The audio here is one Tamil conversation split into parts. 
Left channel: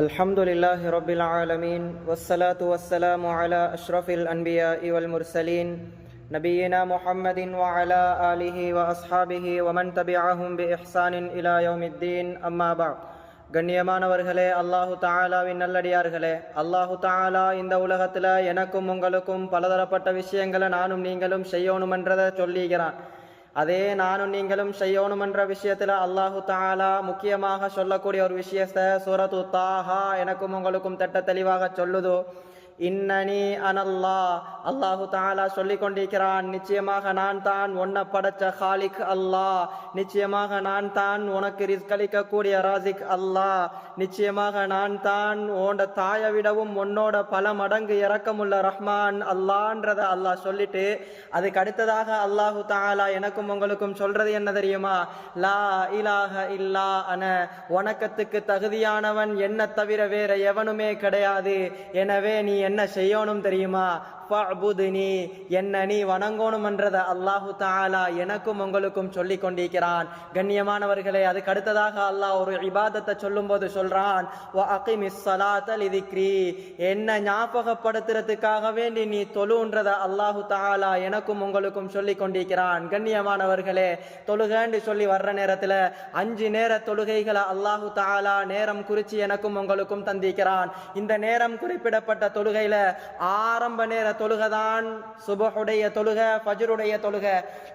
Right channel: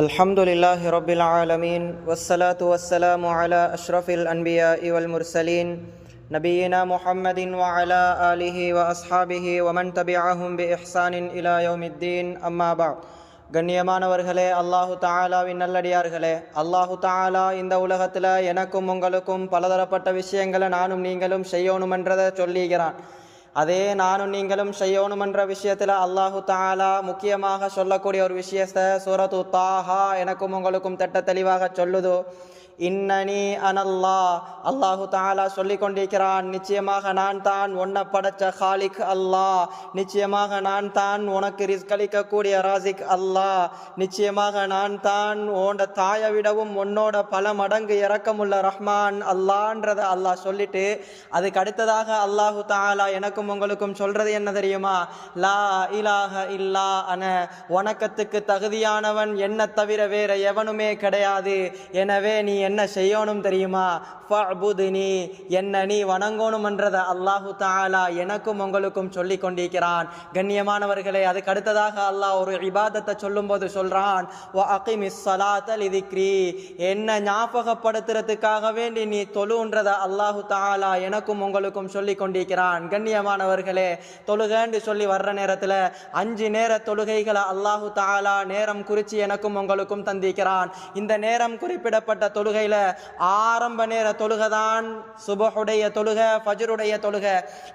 الحمد لله رب العالمين والصلاة والسلام على أشرف الأنبياء والمرسلين نبينا محمد وعلى آله وأصحابه ومن تبعهم بإحسان إلى يوم الدين أما بعد கண்ணியமானவர்களே, அல்லாஹு தாலாவின் நல்லடியார்களே, அல்லாஹு தாலா இந்த உலகத்தில் எனக்கும் உங்களுக்கும் பலதரப்பட்ட விஷயங்களை நானும் நீங்களும் செய்யணுமென்றதை சொல்லிக்கிறான். அதே நானும் நீங்களும் செய்யணுமென்ற விஷயத்தில் அல்லாஹு தாலா முக்கியமாக சொல்லக்கூடிய ஒரு விஷயத்தை சூரத்து தாஹா எனக்கும் உங்களுக்கும் திட்ட தெளிவாக சொல்லுதோ. இன்னனி அனல்லா, அல்லாஹு தாலா சொல்லி கொண்டிருக்கிறான், நிச்சயமாக நான் தான் உன்னை படைச்ச ஹாலிக் அல்லாஹ், நிச்சயமாக நான் தான் உனக்கு ரிஸ்க் அளிக்கக்கூடிய ராசிக் அல்லாஹ், நிச்சயமாக நான் தான் உன்னோட தாயை விடவும் உன்னோட பல மடங்கு இரக்கமுள்ள ரஹ்மான் அல்லான்றதை அல்லாஹ் சொல்லிட்டு அதுக்கு அடுத்ததாக அல்லாஹு தாலா எனக்கும் உங்களுக்கும் சொல்றது என்ன தெரியுமா? லா இலாஹ இல்லா அன, வணக்கத்துக்கு தகுதியானவன் என்ன தவிர வேற எவனுமே கிடையாது. எனவே நீ என்ன செய்யணும் தெரியுமா? ஃபஅபுதுனி, என்ன நீ வணங்கணும்ன்றதை அல்லாஹு தஆலா எனக்கும் உங்களுக்கும் சொல்லி கொண்டிருக்கிறான். கண்ணியமானவர்களே, அதுக்கு அடுத்ததாக அல்லாஹ் ஒரு இபாதத்தை சொல்லும் போது சொல்றான், வ அகிமிஸ் ஸலாத லிதிக்ரி, என்ன ஞாபகப்படுத்துறதுக்காக வேண்டி நீ தொழுன்றதை அல்லாஹு தஆலா எனக்கும் உங்களுக்கும் சொல்லி கொண்டிருக்கிறான். கண்ணியமானவர்களே, தொழுகன்னு சொல்லி வர்ற நேரத்தில் 5 நேர தொழுகைகளை அல்லாஹு தஆலா நேரம் குறித்து எனக்கும் உங்களுக்கும் தந்திருக்கிறான். இந்த நேரம் குறிப்பிடப்பட்ட தொழுகையில ஆரம்ப நேர தொழுகைதான் சுபஹுடைய தொழுகை, ஃபஜ்ருடைய தொழுகை.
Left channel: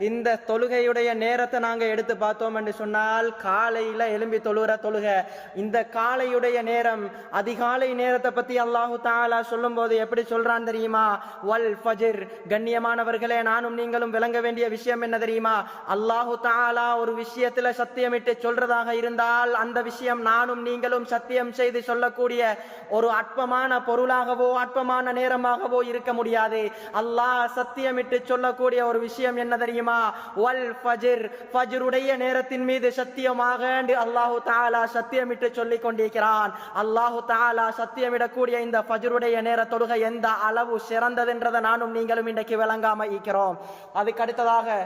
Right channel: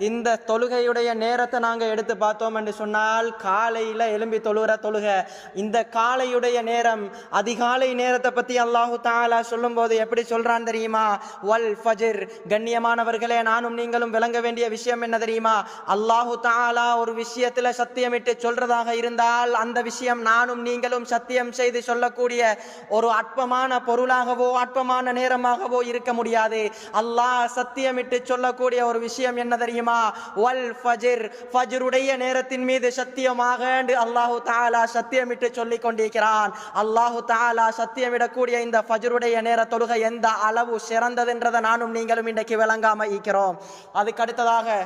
இந்த தொழுகையுடைய நேரத்தை நாங்க எடுத்து பார்த்தோம் என்று சொன்னால் காலையில எழும்பி தொழுகிற தொழுகை. இந்த காலையுடைய நேரம், அதிகாலை நேரத்தை பத்தி அல்லாஹு தஆலா சொல்லும் போது எப்படி சொல்றான் தெரியுமா? வல் ஃபஜ்ர். கண்ணியமானவர்களே, நானும் நீங்களும் விளங்க வேண்டிய விஷயம் என்ன தெரியுமா? அல்லாஹு தஆலா ஒரு விஷயத்துல சத்தியமிட்டு சொல்றதாக இருந்தால் அந்த விஷயம் நானும் நீங்களும் சத்தியம் செய்து சொல்லக்கூடிய ஒரு அற்பமான பொருளாகவோ அற்பமான நேரமாகவோ இருக்க முடியாது. அல்லாஹ் சத்தியமிட்டு சொல்லக்கூடிய ஒரு விஷயம் என்ன தெரியுமா? வல் ஃபஜ்ர், ஃபஜ்ருடைய நேரத்தின் மீது சத்தியமாக அல்லாஹு தஆலா சத்தியமிட்டு சொல்லிக் கொண்டிருக்கிறான். அல்லாஹு தஆலா சத்தியமிடக்கூடிய இந்த ஃபஜ்ருடைய நேர தொழுகை எந்த அளவு சிறந்ததுன்றதை நானும் நீங்களும் இன்றைக்கு விளங்காம இருக்கிறோம். அதுக்கு அடுத்ததாக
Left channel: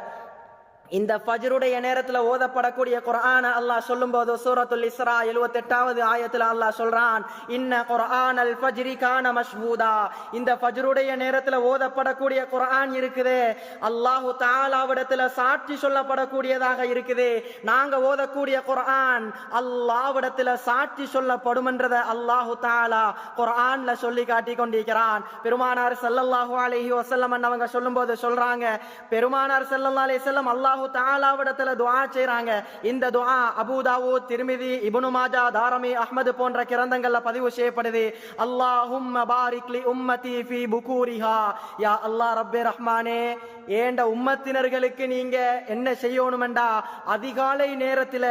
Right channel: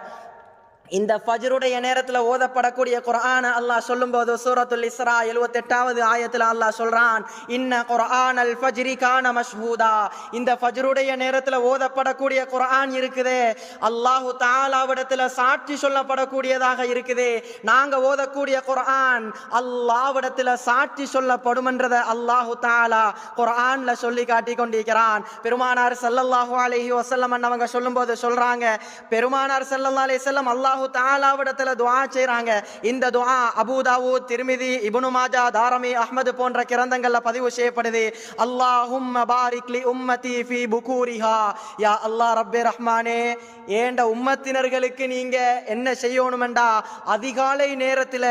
இந்த ஃபஜ்ருடைய நேரத்தில் ஓதப்படக்கூடிய குர்ஆனை அல்லாஹ் சொல்லும்போது சூரத்துல் இஸ்ரா 78வது ஆயத்தில் அல்லாஹ் சொல்றான், இன்ன குர்ஆனல் ஃபஜ்ரி கான மஷ்ஹூதா. இந்த ஃபஜ்ருடைய நேரத்தில் ஓதப்படக்கூடிய குர்ஆன் இருக்குது, அல்லாஹு தஆலாவிடத்தில் சாட்சி சொல்லப்படக்கூடியதாக இருக்குது. நாங்க ஓதக்கூடிய குர்ஆன் அல்லாஹ்விடத்தில் சாட்சி சொல்லப்படும்ன்றதை அல்லாஹு தஆலா குர்ஆன்ல சொல்லி காட்டி கொண்டிருக்கிறான். பெருமானார் ஸல்லல்லாஹு அலைஹி வஸல்லம் அவங்க சொல்லும்போது சொல்றாங்க, பெருமானார் ஸல்லல்லாஹு அலைஹி வஸல்லம் அல்லாஹ் தஆலாவிடத்துல துஆ செய்றாங்க. இந்த துஆ அபூ தாவூத், திர்மிதி, இப்னு மாஜா, தாரமி, அஹ்மத் போன்ற கிரந்தங்கள்ல பதிவு செய்யப்படுது. அல்லாஹும்ம பாரிக் லி உம்மதி ஃபீ புகூரிஹா. யா அல்லாஹ் ரப்பே ரஹ்மானே, ஏண்ட உம்மத்தினர்களுக்கு நீங்க என்ன செய்யணும்டா, அதிகாலை நேரத்துல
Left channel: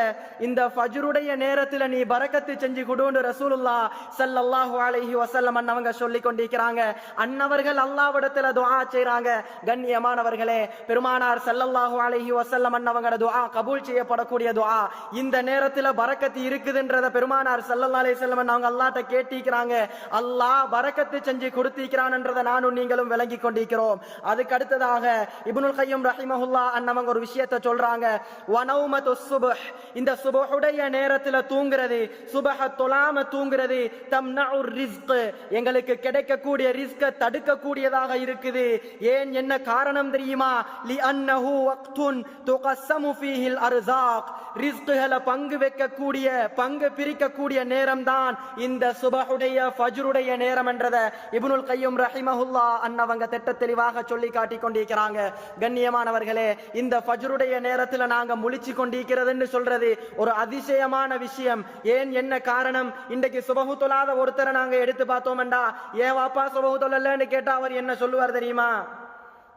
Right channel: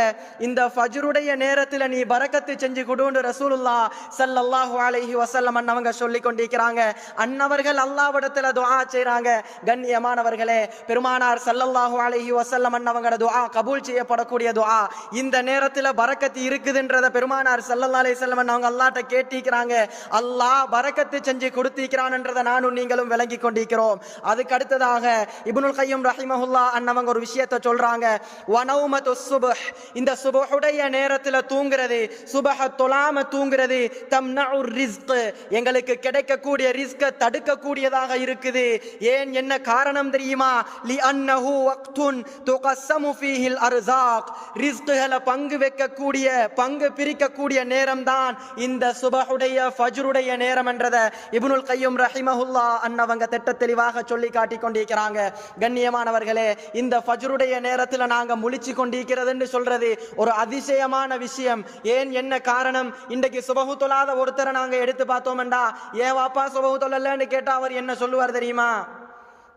இந்த ஃபஜ்ருடைய நேரத்துல நீ பரக்கத்து செஞ்சு கொடுன்னு ரசூலுல்லாஹ் ஸல்லல்லாஹு அலைஹி வஸல்லம் அவங்க சொல்லி கொண்டிருக்கிறாங்க. அன்னவர்கள் அல்லாஹ்விடத்துல துஆ செய்றாங்க. கண்ணியமானவர்களே, பெருமானார் ஸல்லல்லாஹு அலைஹி வஸல்லம் அன்னவங்களோட துஆ கபூல் செய்யப்படக்கூடிய துஆ. இந்த நேரத்துல பரக்கத்து இருக்குதுன்றத பெருமானார் ஸல்லல்லாஹு அலைஹி வஸல்லம் அவங்க அல்லாஹ்ட்ட கேட்டிக்கிறாங்க. அல்லாஹ் பரக்கத்து செஞ்சு கொடுத்திக்கிறான்ன்றதை நானும் நீங்களும் விளங்கி கொண்டிருக்கிறோம். அதுக்கு அடுத்ததாக இப்னுல் கய்யிம் ரஹிமஹுல்லாஹ் அன்னவங்க ஒரு விஷயத்தை சொல்றாங்க, வனௌமத்து சுப்ஹ், இந்த சுபஹுடைய நேரத்துல தூங்குறது, சுபஹ தொழாம தூங்குறது, தம்னஉர் ரிஸ்க், எங்களுக்கு கிடைக்கக்கூடிய ரிஸ்கை தடுக்கக்கூடியதாக இருக்குது. ஏன், என்ன காரணம் தெரியுமா? லி அன்னஹு வக்துன் துகஸ்ஸமு ஃபீஹில் அர்ஸாக், ரிஸ்குகளை பங்கு வைக்கக்கூடிய, பங்கு பிரிக்கக்கூடிய நேரம் தான் இந்த சுபஹுடைய ஃபஜ்ருடைய நேரம் என்றதை இப்னுல் கய்யிம் ரஹிமஹுல்லாஹ் அன்னவங்க திட்ட தெளிவாக சொல்லி காட்டி கொண்டிருக்கிறாங்க. கண்ணியமானவர்களே, இந்த ஃபஜ்ருடைய நேரத்தில் நாங்க முழிச்சு கொண்டிருக்கிறதுன்னு சொல்றது ஒரு அதிசயமான விஷயம். ஏன், என்ன காரணம்? இன்றைக்கு சுபஹு தொழாத ஒருத்தரை நாங்க எடுத்து பார்த்தோம்டா, ஏன் வாப்பா சுபஹு தொழலன்னு கேட்டா அவர் என்ன சொல்லுவார் தெரியுமா?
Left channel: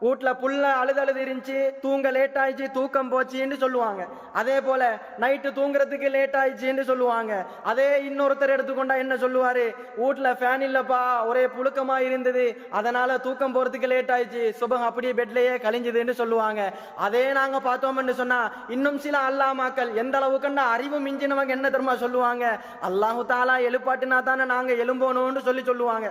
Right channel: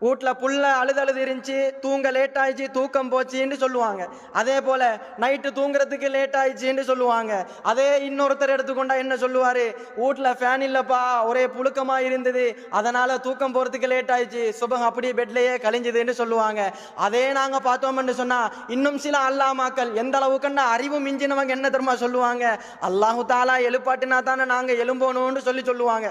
வீட்டுல புள்ள அழுது இருந்துச்சு, தூங்க லேட் ஆயிடுச்சு, தூக்கம் போச்சுன்னு சொல்லுவாங்க. அதே போல நைட்டு தூங்குறதுக்கு லேட் ஆயிடுச்சுன்னு சொல்லுவாங்க. அதே இன்னொருத்தர் எடுத்துக்கொண்டா என்ன சொல்லுவாரு? வீட்டுல ஃபேன் இல்லப்பா, ஒரே புழுக்கமா இருந்தது, அதனால தூக்கம் போறதுக்கு லேட் ஆயிடுச்சு, சுபஹ் அப்படியே பெட்லயே கழிஞ்சதுன்னு சொல்லுவாங்க. அதே நாங்க பார்த்தோம்னு சொன்னா இன்னும் சில அல்லாமாக்கள் எந்த அளவுக்குன்னா அறிவு மிஞ்சினவங்க என்ன தெரியுமா சொல்லுவாங்க? அல்லாஹு தாலா எழுப்பாட்டினா தானே நாங்க எழும்போணும்னு சொல்லுவாங்க.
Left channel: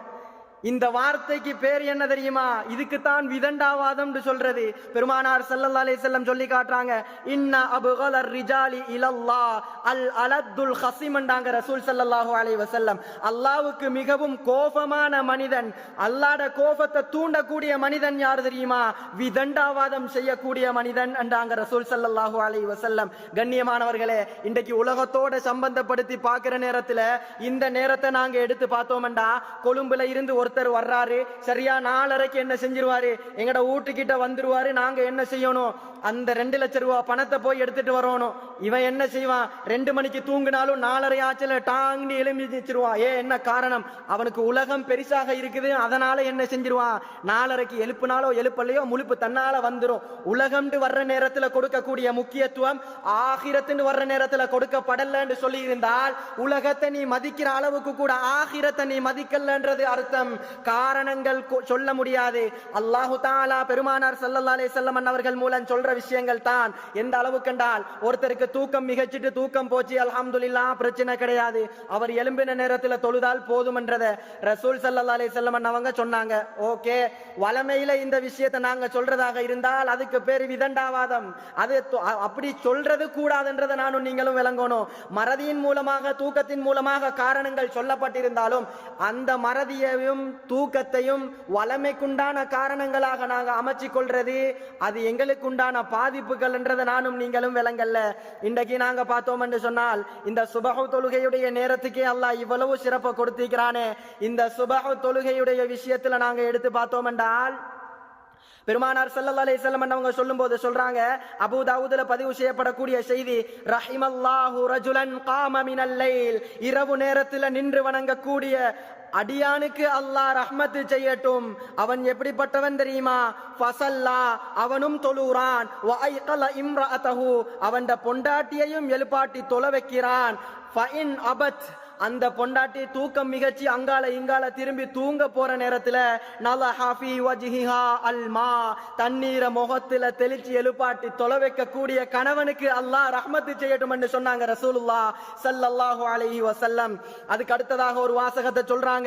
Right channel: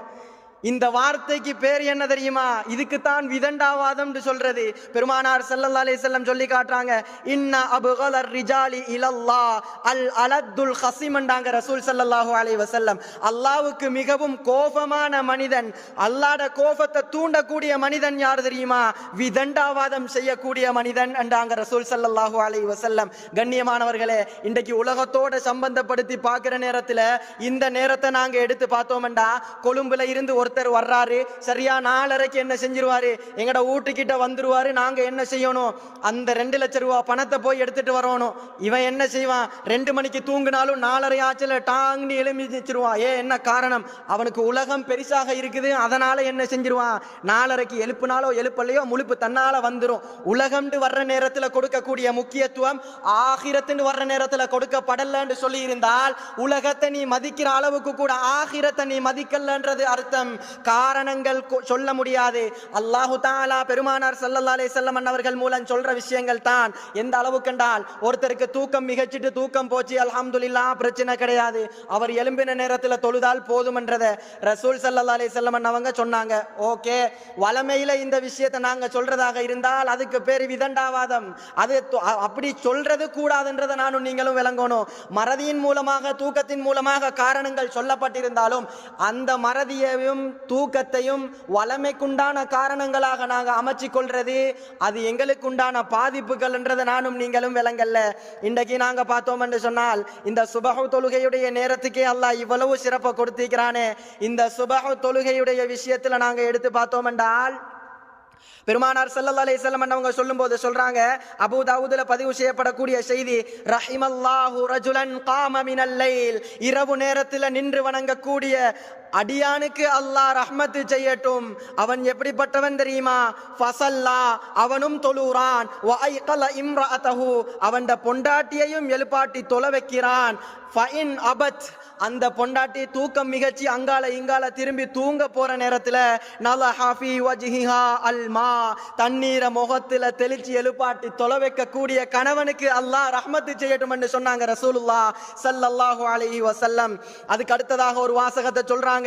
இந்த வார்த்தைக்கு பேர் என்ன தெரியுமா? இதுக்குத்தான் விதண்டாவாதம் சொல்றது. பெருமானார் ஸல்லல்லாஹு அலைஹி வஸல்லம் சொல்லி காட்டுறாங்க, இன்ன அப்கலர் ரிஜாலி இலல்லாஹ் அல் அலத்துல் ஹஸீம் என்றாங்க ரசூல் ஸல்லல்லாஹு அலைஹி வஸல்லம். அல்லாஹ்வுக்கு மிகவும் கோபமான மனிதன், அல்லாஹ்வுடைய கோபத்தை தூண்டக்கூடிய மனிதன் யார் தெரியுமா? விதண்டாவாதம் செய்யக்கூடிய மனிதன் என்றாங்க ரசூல் ஸல்லல்லாஹு அலைஹி வஸல்லம். கண்ணியமானவர்களே, இன்றைக்கு உலகத்தோட சம்பந்தப்படுத்தி பார்க்கிற நேரத்தில் இந்த நேரத்தை நாங்க எடுத்து பார்த்தோம்டா, கொழும்புல இருந்து ஒருத்தர் வர்றாரு, சரியா 4:30 என்ன செஞ்சிருவாரு, எங்கட வீட்டுக்கிட்ட வந்துருவாரு. நாங்க என்ன செய்யணும், அந்த 2 லட்சம் ரூபாய் பணத்தை போய் எடுத்துட்டு வரணும். இவன் என்ன செய்வான், 2 மணிக்கு தூங்கினாலும் 4:30 ஆச்சுல டாங்னு எழுப்பி வச்சிருவான். என்ன காரணம்? அவனுக்கு உலகம் பெருசாக இருக்குது, அதனால என்ன செஞ்சிருவான், 4:30 எழுப்பினாலோ எழுப்பலையோ முழுப்பு தன்னால வந்துடும். உலகம்னு வர்ற நேரத்தில் கொடுக்கக்கூடிய முக்கியத்துவம் ஆகிரத்துன்னு வர்ற நேரத்தில் கொடுக்கப்படலன்னு சொல்லி இருந்தால், உலகத்தை நீ மதிக்கிற அளவுக்கு கூட ஆகிரத்தை நீ மதிக்கலன்றது அர்த்தம். காரணங்கள் சொல்ல முடியாது. அல்லாஹு தஆலா பெருமானார் ஸல்லல்லாஹு அலைஹி வஸல்லம் அவர்கள் மூலம் சொல்ற விஷயங்கள் தான். எந்த அளவுக்கு என்றால், ஒருத்தருக்கு தூக்கம் மிகச்சிட்டு தூக்கம் போச்சு, அல்ஹம்துலில்லாஹ், பிரச்சனை கிடையாது, அவர் எழும்பின நேரத்தில் தொழுதால் போதும் என்றதை ரசூல் ஸல்லல்லாஹு அலைஹி வஸல்லம் அவங்க சொன்னாங்க. ஓகே, வளமையில இந்த விஷயத்தை நாங்க சொல்றதாக இருந்தால் அதுக்கு பேர் விதண்டாவாதம். அது அப்படி சொல்றது கூடாதுன்றதை நானும் நீங்களும் விளங்கணும். மறதியின் மூலமாக தூக்கத்தின் மூலமாக காரணங்கள் சொல்லப்பட்டிருந்தாலும் அந்த மறதியையும் தூக்கத்தையும் வளமைக்குண்டான காரணங்களாக நாங்கள் அமைச்சு கொள்றது அது எங்களுக்குண்டான பாதிப்புகள் என்றதை நானும் நீங்களும் விளங்கல்ல. இன்றைக்கு நாங்கள் பார்த்தோம் என்று சொன்னால், இந்த சுபஹு தொழுகையுடைய நேரத்துக்கே அல்லாஹ் இவ்வளவு சிறப்பை கொடுத்திருக்கிறானே, இந்த சுபஹு தொழுகையுடைய விஷயத்துல நாங்கள் எடுத்து பார்த்தோம் என்றால், பெருமானார் ஸல்லல்லாஹு அலைஹி வஸல்லம் அவங்க சொல்லும்போது சொல்றாங்க, அபூ தாவூதுல பதிவு செய்யப்படக்கூடிய செய்தி, ரஹிமல்லாஹு ரஜுலன் காம மினல் லைல், இரவு நேரத்தில் நின்று வணங்கக்கூடிய அடியானுக்கு அல்லாஹ் ரஹ்மத்து செய்யட்டும். அவன் எப்படிப்பட்டவன் தெரியுமா? ஃபஸல்லா, அவனும் தொழுறான், வ ஐகல இம்ரஅதஹு, அவன் பொண்டாட்டியையும் எழுப்பாட்டி தொழ வைக்கிறான். ஃபஇன் அபத், அந்த பொண்டாட்டி தூக்கம் மிகச்சி அங்கால இங்கால திரும்பி தூங்க போற நேரத்தில் நலஹா ஃபீ வஜ்ஹிஹா அல்மா, தண்ணீரை முகத்தில் தெளிச்சு எழுப்பாட்டி தொலை வைக்கக்கூடிய கணவனுக்கு அல்லாஹ் ரஹ்மத்து செய்யட்டும் என்று சொன்னாங்க ரசூலுல்லாஹ் ஸல்லல்லாஹு அலைஹி வஸல்லம். அதுக்கு அடுத்ததாக ஒரு வாசகத்தை சொல்றாங்க,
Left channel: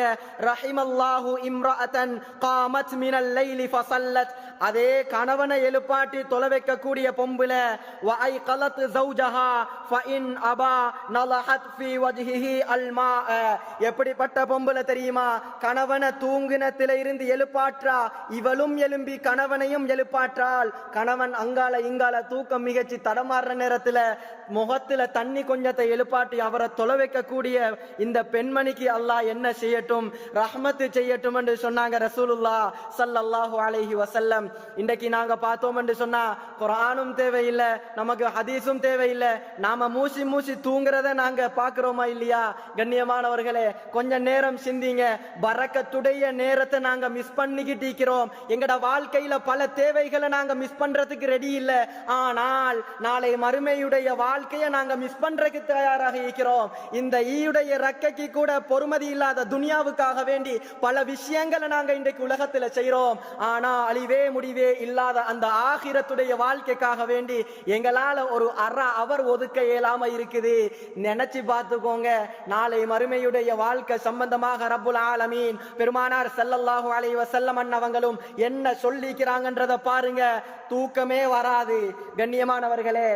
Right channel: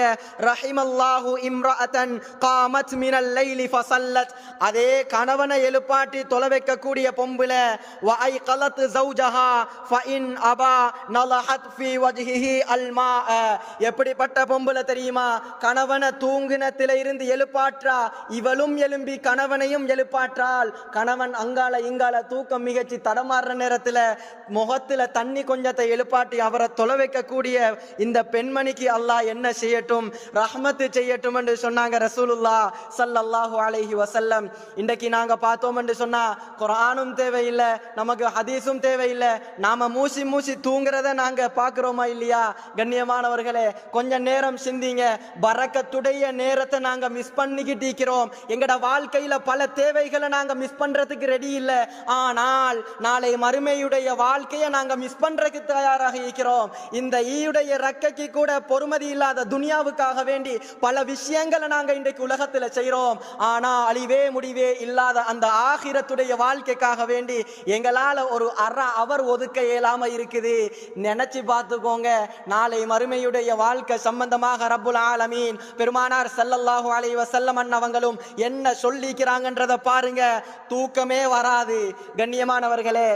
ரஹிமல்லாஹு இம்ரஅதன் காமத் மினல் லைலி ஃபஸல்லத், அதே கணவனை எழுப்பாட்டி தொலை வைக்கக்கூடிய பொம்புல வ ஐகலத் ஜௌஜஹா ஃபஇன் அபா நலஹத் ஃபீ வஜ்ஹிஹி அல்மா, எப்படிப்பட்ட பொம்புல தெரியுமா? கணவனை தூங்கினத்தில இருந்து எழுப்பாற்றா, இவளும் எழும்பி கணவனையும் எழுப்பாற்றால், கணவன் அங்கால இங்கால தூக்கம் மிகச்சி தடமாறுற நேரத்தில் முகத்தில் தண்ணி கொஞ்சத்தை எழுப்பாட்டி அவரை தொலை வைக்கக்கூடிய இந்த பெண்மணிக்கு அல்லாஹ் என்ன செய்யட்டும், ரஹ்மத்து செய்யட்டும் என்று சொன்னாங்க ரசூலுல்லாஹ் ஸல்லல்லாஹு அலைஹி வஸல்லம். இன்றைக்கு நாங்க பார்த்தோம் என்று சொன்னா, குர்ஆனும் தேவையில்லை, நமக்கு ஹதீஸும் தேவையில்லை, நாம மூசி மூசி தூங்குறத நாங்க பார்க்கிறோமா இல்லையா? கண்ணியமானவர்களே, கொஞ்ச நேரம் சிந்திங்க. பரக்கத்துடைய நேரத்தை நாங்க மிஸ் பண்ணிக்கிட்டு இருக்கிறோம். எங்கட வாழ்க்கையில பல தேவைகளை நாங்க மிஸ் பண்றதுக்கு ரெடி இல்லை, ஆனால் நாளை மறுமையுடைய வாழ்க்கையை நாங்க மிஸ் பண்றதுக்கு தயாராக இருக்கிறோம். இந்த ஈயுடைய ரக்கைக்கு கூட பொறுமதி இல்லாத துனியாவுக்காக வேண்டி பல விஷயங்களை நாங்க இன்றைக்கு உலகத்தில் செய்யறோம். ஆனா அழிவே முடிவே இல்லாத அந்த ஆகிரத்துடைய வாழ்க்கைக்காக வேண்டி எங்களால ஒரு அரை அவர் ஒதுக்க இயலாம இருக்குது. நினைச்சு பார்த்துக்கோங்க, நாளை மறுமையுடைய வாழ்க்கை சம்பந்தமாக ரப்புல் ஆலமீன் பெருமானார் ஸல்லல்லாஹு அலைஹி வஸல்லம் அவங்களும் என்ன சொல்லிக்கிறாங்கன்றதை பாருங்க. தூக்கமே வராது. கண்ணியமானவர்களே,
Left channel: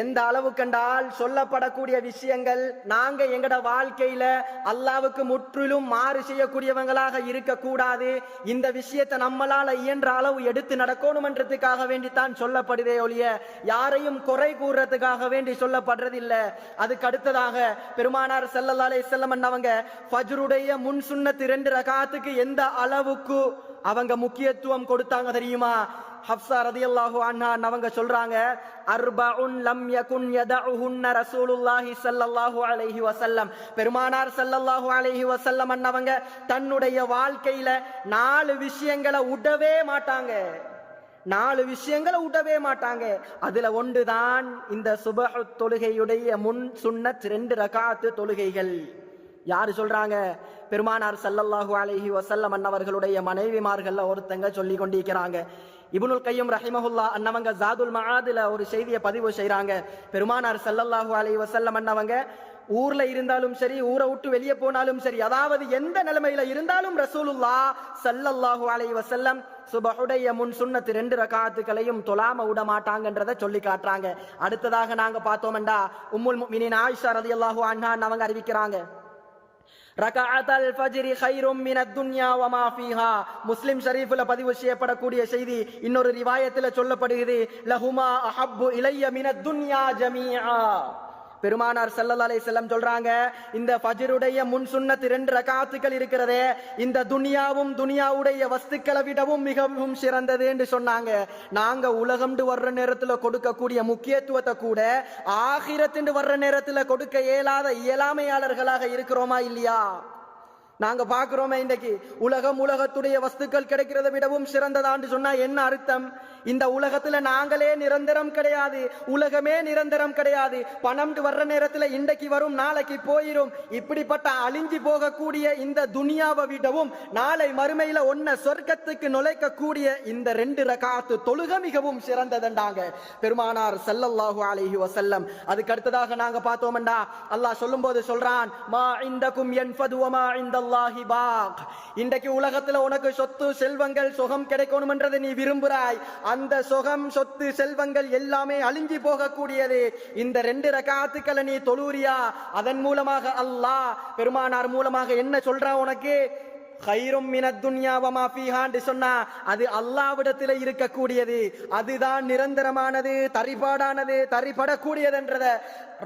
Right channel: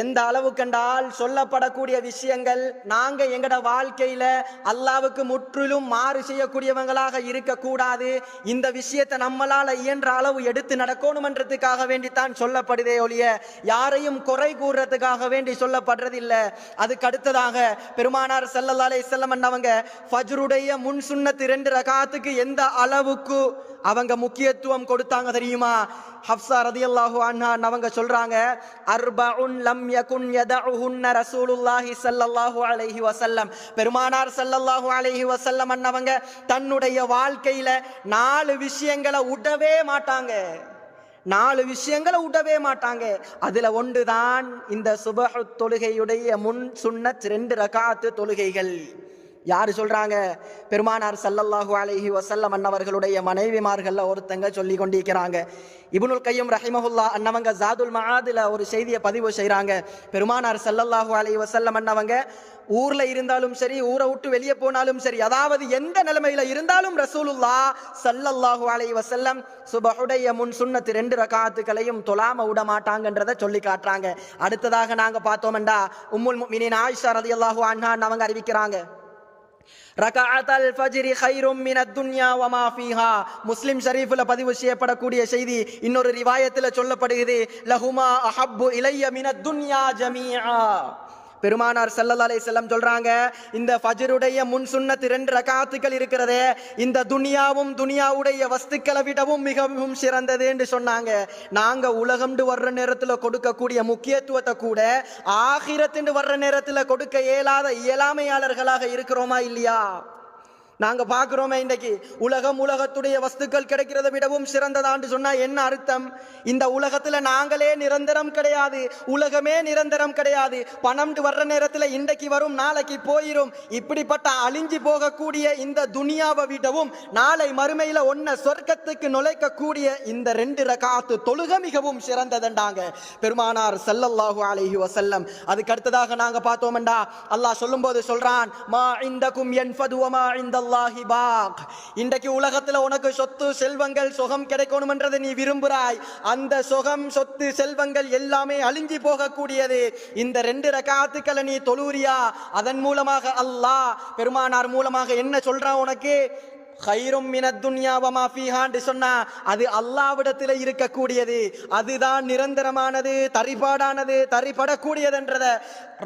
எந்த அளவு கண்டால் சொல்லப்படக்கூடிய விஷயங்கள் நாங்க எங்கட வாழ்க்கையில அல்லாவுக்கு முற்றிலும் மாறு செய்யக்கூடியவங்களாக இருக்கக்கூடாது. இந்த விஷயத்தை நம்மளால இயன்ற அளவு எடுத்து நடக்கணும்ன்றதுக்காக வேண்டித்தான் சொல்லப்படுதே ஒழிய யாரையும் குறை கூறுறதுக்காக வேண்டி சொல்லப்படுறதில்லை. அதுக்கு அடுத்ததாக பெருமானார் ஸல்லல்லாஹு அலைஹி வஸல்லம் அவங்க ஃபஜ்ருடைய முன் சுன்னத் 2 ரகாத்துக்கு எந்த அளவுக்கு அவங்க முக்கியத்துவம் கொடுத்தாங்க தெரியுமா? ஹப்ஸா ரதியல்லாஹு அன்ஹா அவங்க சொல்றாங்க, அர்பஉன் லம் யகுன் யதஉஹுன்ன ரசூலுல்லாஹி ஸல்லல்லாஹு அலைஹி வஸல்லம், பெருமானார் ஸல்லல்லாஹு அலைஹி வஸல்லம் அவங்க தன்னுடைய வாழ்க்கையில 4 விஷயங்களை விடவே மாட்டாங்க. 4 விஷயங்களை விடவே மாட்டாங்க. அதுல ஒன்றுதான் இந்த சுபஹ் தொழுகையுடைய முன் சுன்னத் 2 ரகாத்து தொழுகைகள். யாரு சொல்றாங்க? பெருமானார் ஸல்லல்லாஹு அலைஹி வஸல்லம் அன்னவர்களுடைய மனைவிமார்கள் ஒருத்தங்க சொல்லி கொண்டிருக்கிறாங்க. இப்னுல் கையம் ரஹிமஹுல்லாஹ் அன்னவங்க ஜாதுல் மஆதுல ஒரு செய்தியை பதிவு செய்றாங்க. பெருமானார் ஸல்லல்லாஹு அலைஹி வஸல்லம் அன்னவங்க ஊர்ல இருந்தாலும் சரி, ஊரை விட்டு வெளியே போனாலும் சரி, அதாவது எந்த நிலைமையில இருந்தாலும் ரசூலுல்லாஹ் ஸல்லல்லாஹு அலைஹி வஸல்லம் சுபஹுடைய முன் சுன்னத்து 2 ரகாத்துகளையும் தொழாம விட மாட்டாங்கன்றதை சொல்லி காட்டுறாங்க. அடுத்ததாக நாங்க பார்த்தோம்டா உம்முல் முஃமினீன் ஆயிஷா ரலியல்லாஹு அன்ஹா அவங்க அறிவிக்கிறாங்க, ரகஅத்தல் ஃபஜ்ரி கைரும் மினத் துன்யா வமா ஃபீஹா. முஸ்லிம் ஷரீஃப்ல பதிவு செய்யப்படக்கூடிய செய்தி இன்னொரு ரிவாயத்தில் சொல்லப்படுகிறது, லஹுமா அஹப்பு இலைய மினத் துன்யா ஜமீஆ. பெருமானார் ஸல்லல்லாஹு அலைஹி வஸல்லம் சொல்றாங்க, இந்த ஃபஜ்ருடைய முன் சுன்னத் 2 ரகாத்துகள் இருக்கிறதே, இந்த துனியாவும் துனியாவுடைய வஸ்துக்களை விடவும் மிகவும் சிறந்தது என்று சொன்னாங்க. நாங்க உலகம்னு வர்ற நேரத்தில் கொடுக்கக்கூடிய முக்கியத்துவத்தை கூட ஆகிரத்து வர்ற நேரத்தில் கொடுக்க இயலாத இயலாமையாளர்களாக இருக்கிறோமா இல்லையா? நாங்க பார்க்கிறோமே இன்றைக்கு உலகத்துடைய வஸ்துக்கள் கிடைக்கிறத விடவும் சிறந்ததான்னு சொன்னா என்ன அர்த்தம்? இந்த உலகத்துல நாங்களே நிரந்தரம் கிடையாது, உலகமே நிரந்தரம் கிடையாது. பணம் வர்ற நேரத்துல இன்றைக்கு வரும், நாளைக்கு போயிரும். இப்படிப்பட்ட அழிஞ்சு போகக்கூடிய இந்த துனியாவை விடவும் நாளை மறுமையில ஒன்ன சொர்க்கத்துக்கு நுழைக்கக்கூடிய இந்த 2 ரகாத்து தொழுகை மிகவும் சிறந்ததுண்டாங்க பெருமானார் ஸல்லல்லாஹு அலைஹி வஸல்லம். அதுக்கு அடுத்ததாக நாங்க பார்த்தோம்டா அல்லாஹ் சொல்லும் போது சொல்றான், மா இந்தகும் யன்ஃபது வமா இந்தல்லாஹி பாக். இன்றைக்கு உலகத்துல உனக்கு சொத்து செல்வங்கள் சுகம் கிடைக்கணும் என்றதை நீ விரும்புறாய். அந்த சுகம் சொத்து செல்வங்கள் எல்லாமே அழிஞ்சி போகக்கூடியது. இந்த 2 ரகாத்துக்களை நீ தொழுறியா, அதன் மூலமாக அல்லாஹ் பெருமானார் மூலமாக என்ன சொல்றான் உனக்கு? கைரும் மினத் துன்யா வமா ஃபீஹான்னு சொன்னா அது அல்லாஹ்விடத்தில் இருக்கக்கூடியது, அதுதான் நிரந்தரமானது, தரிபாடானது, தரிபடக்கூடியதுன்றத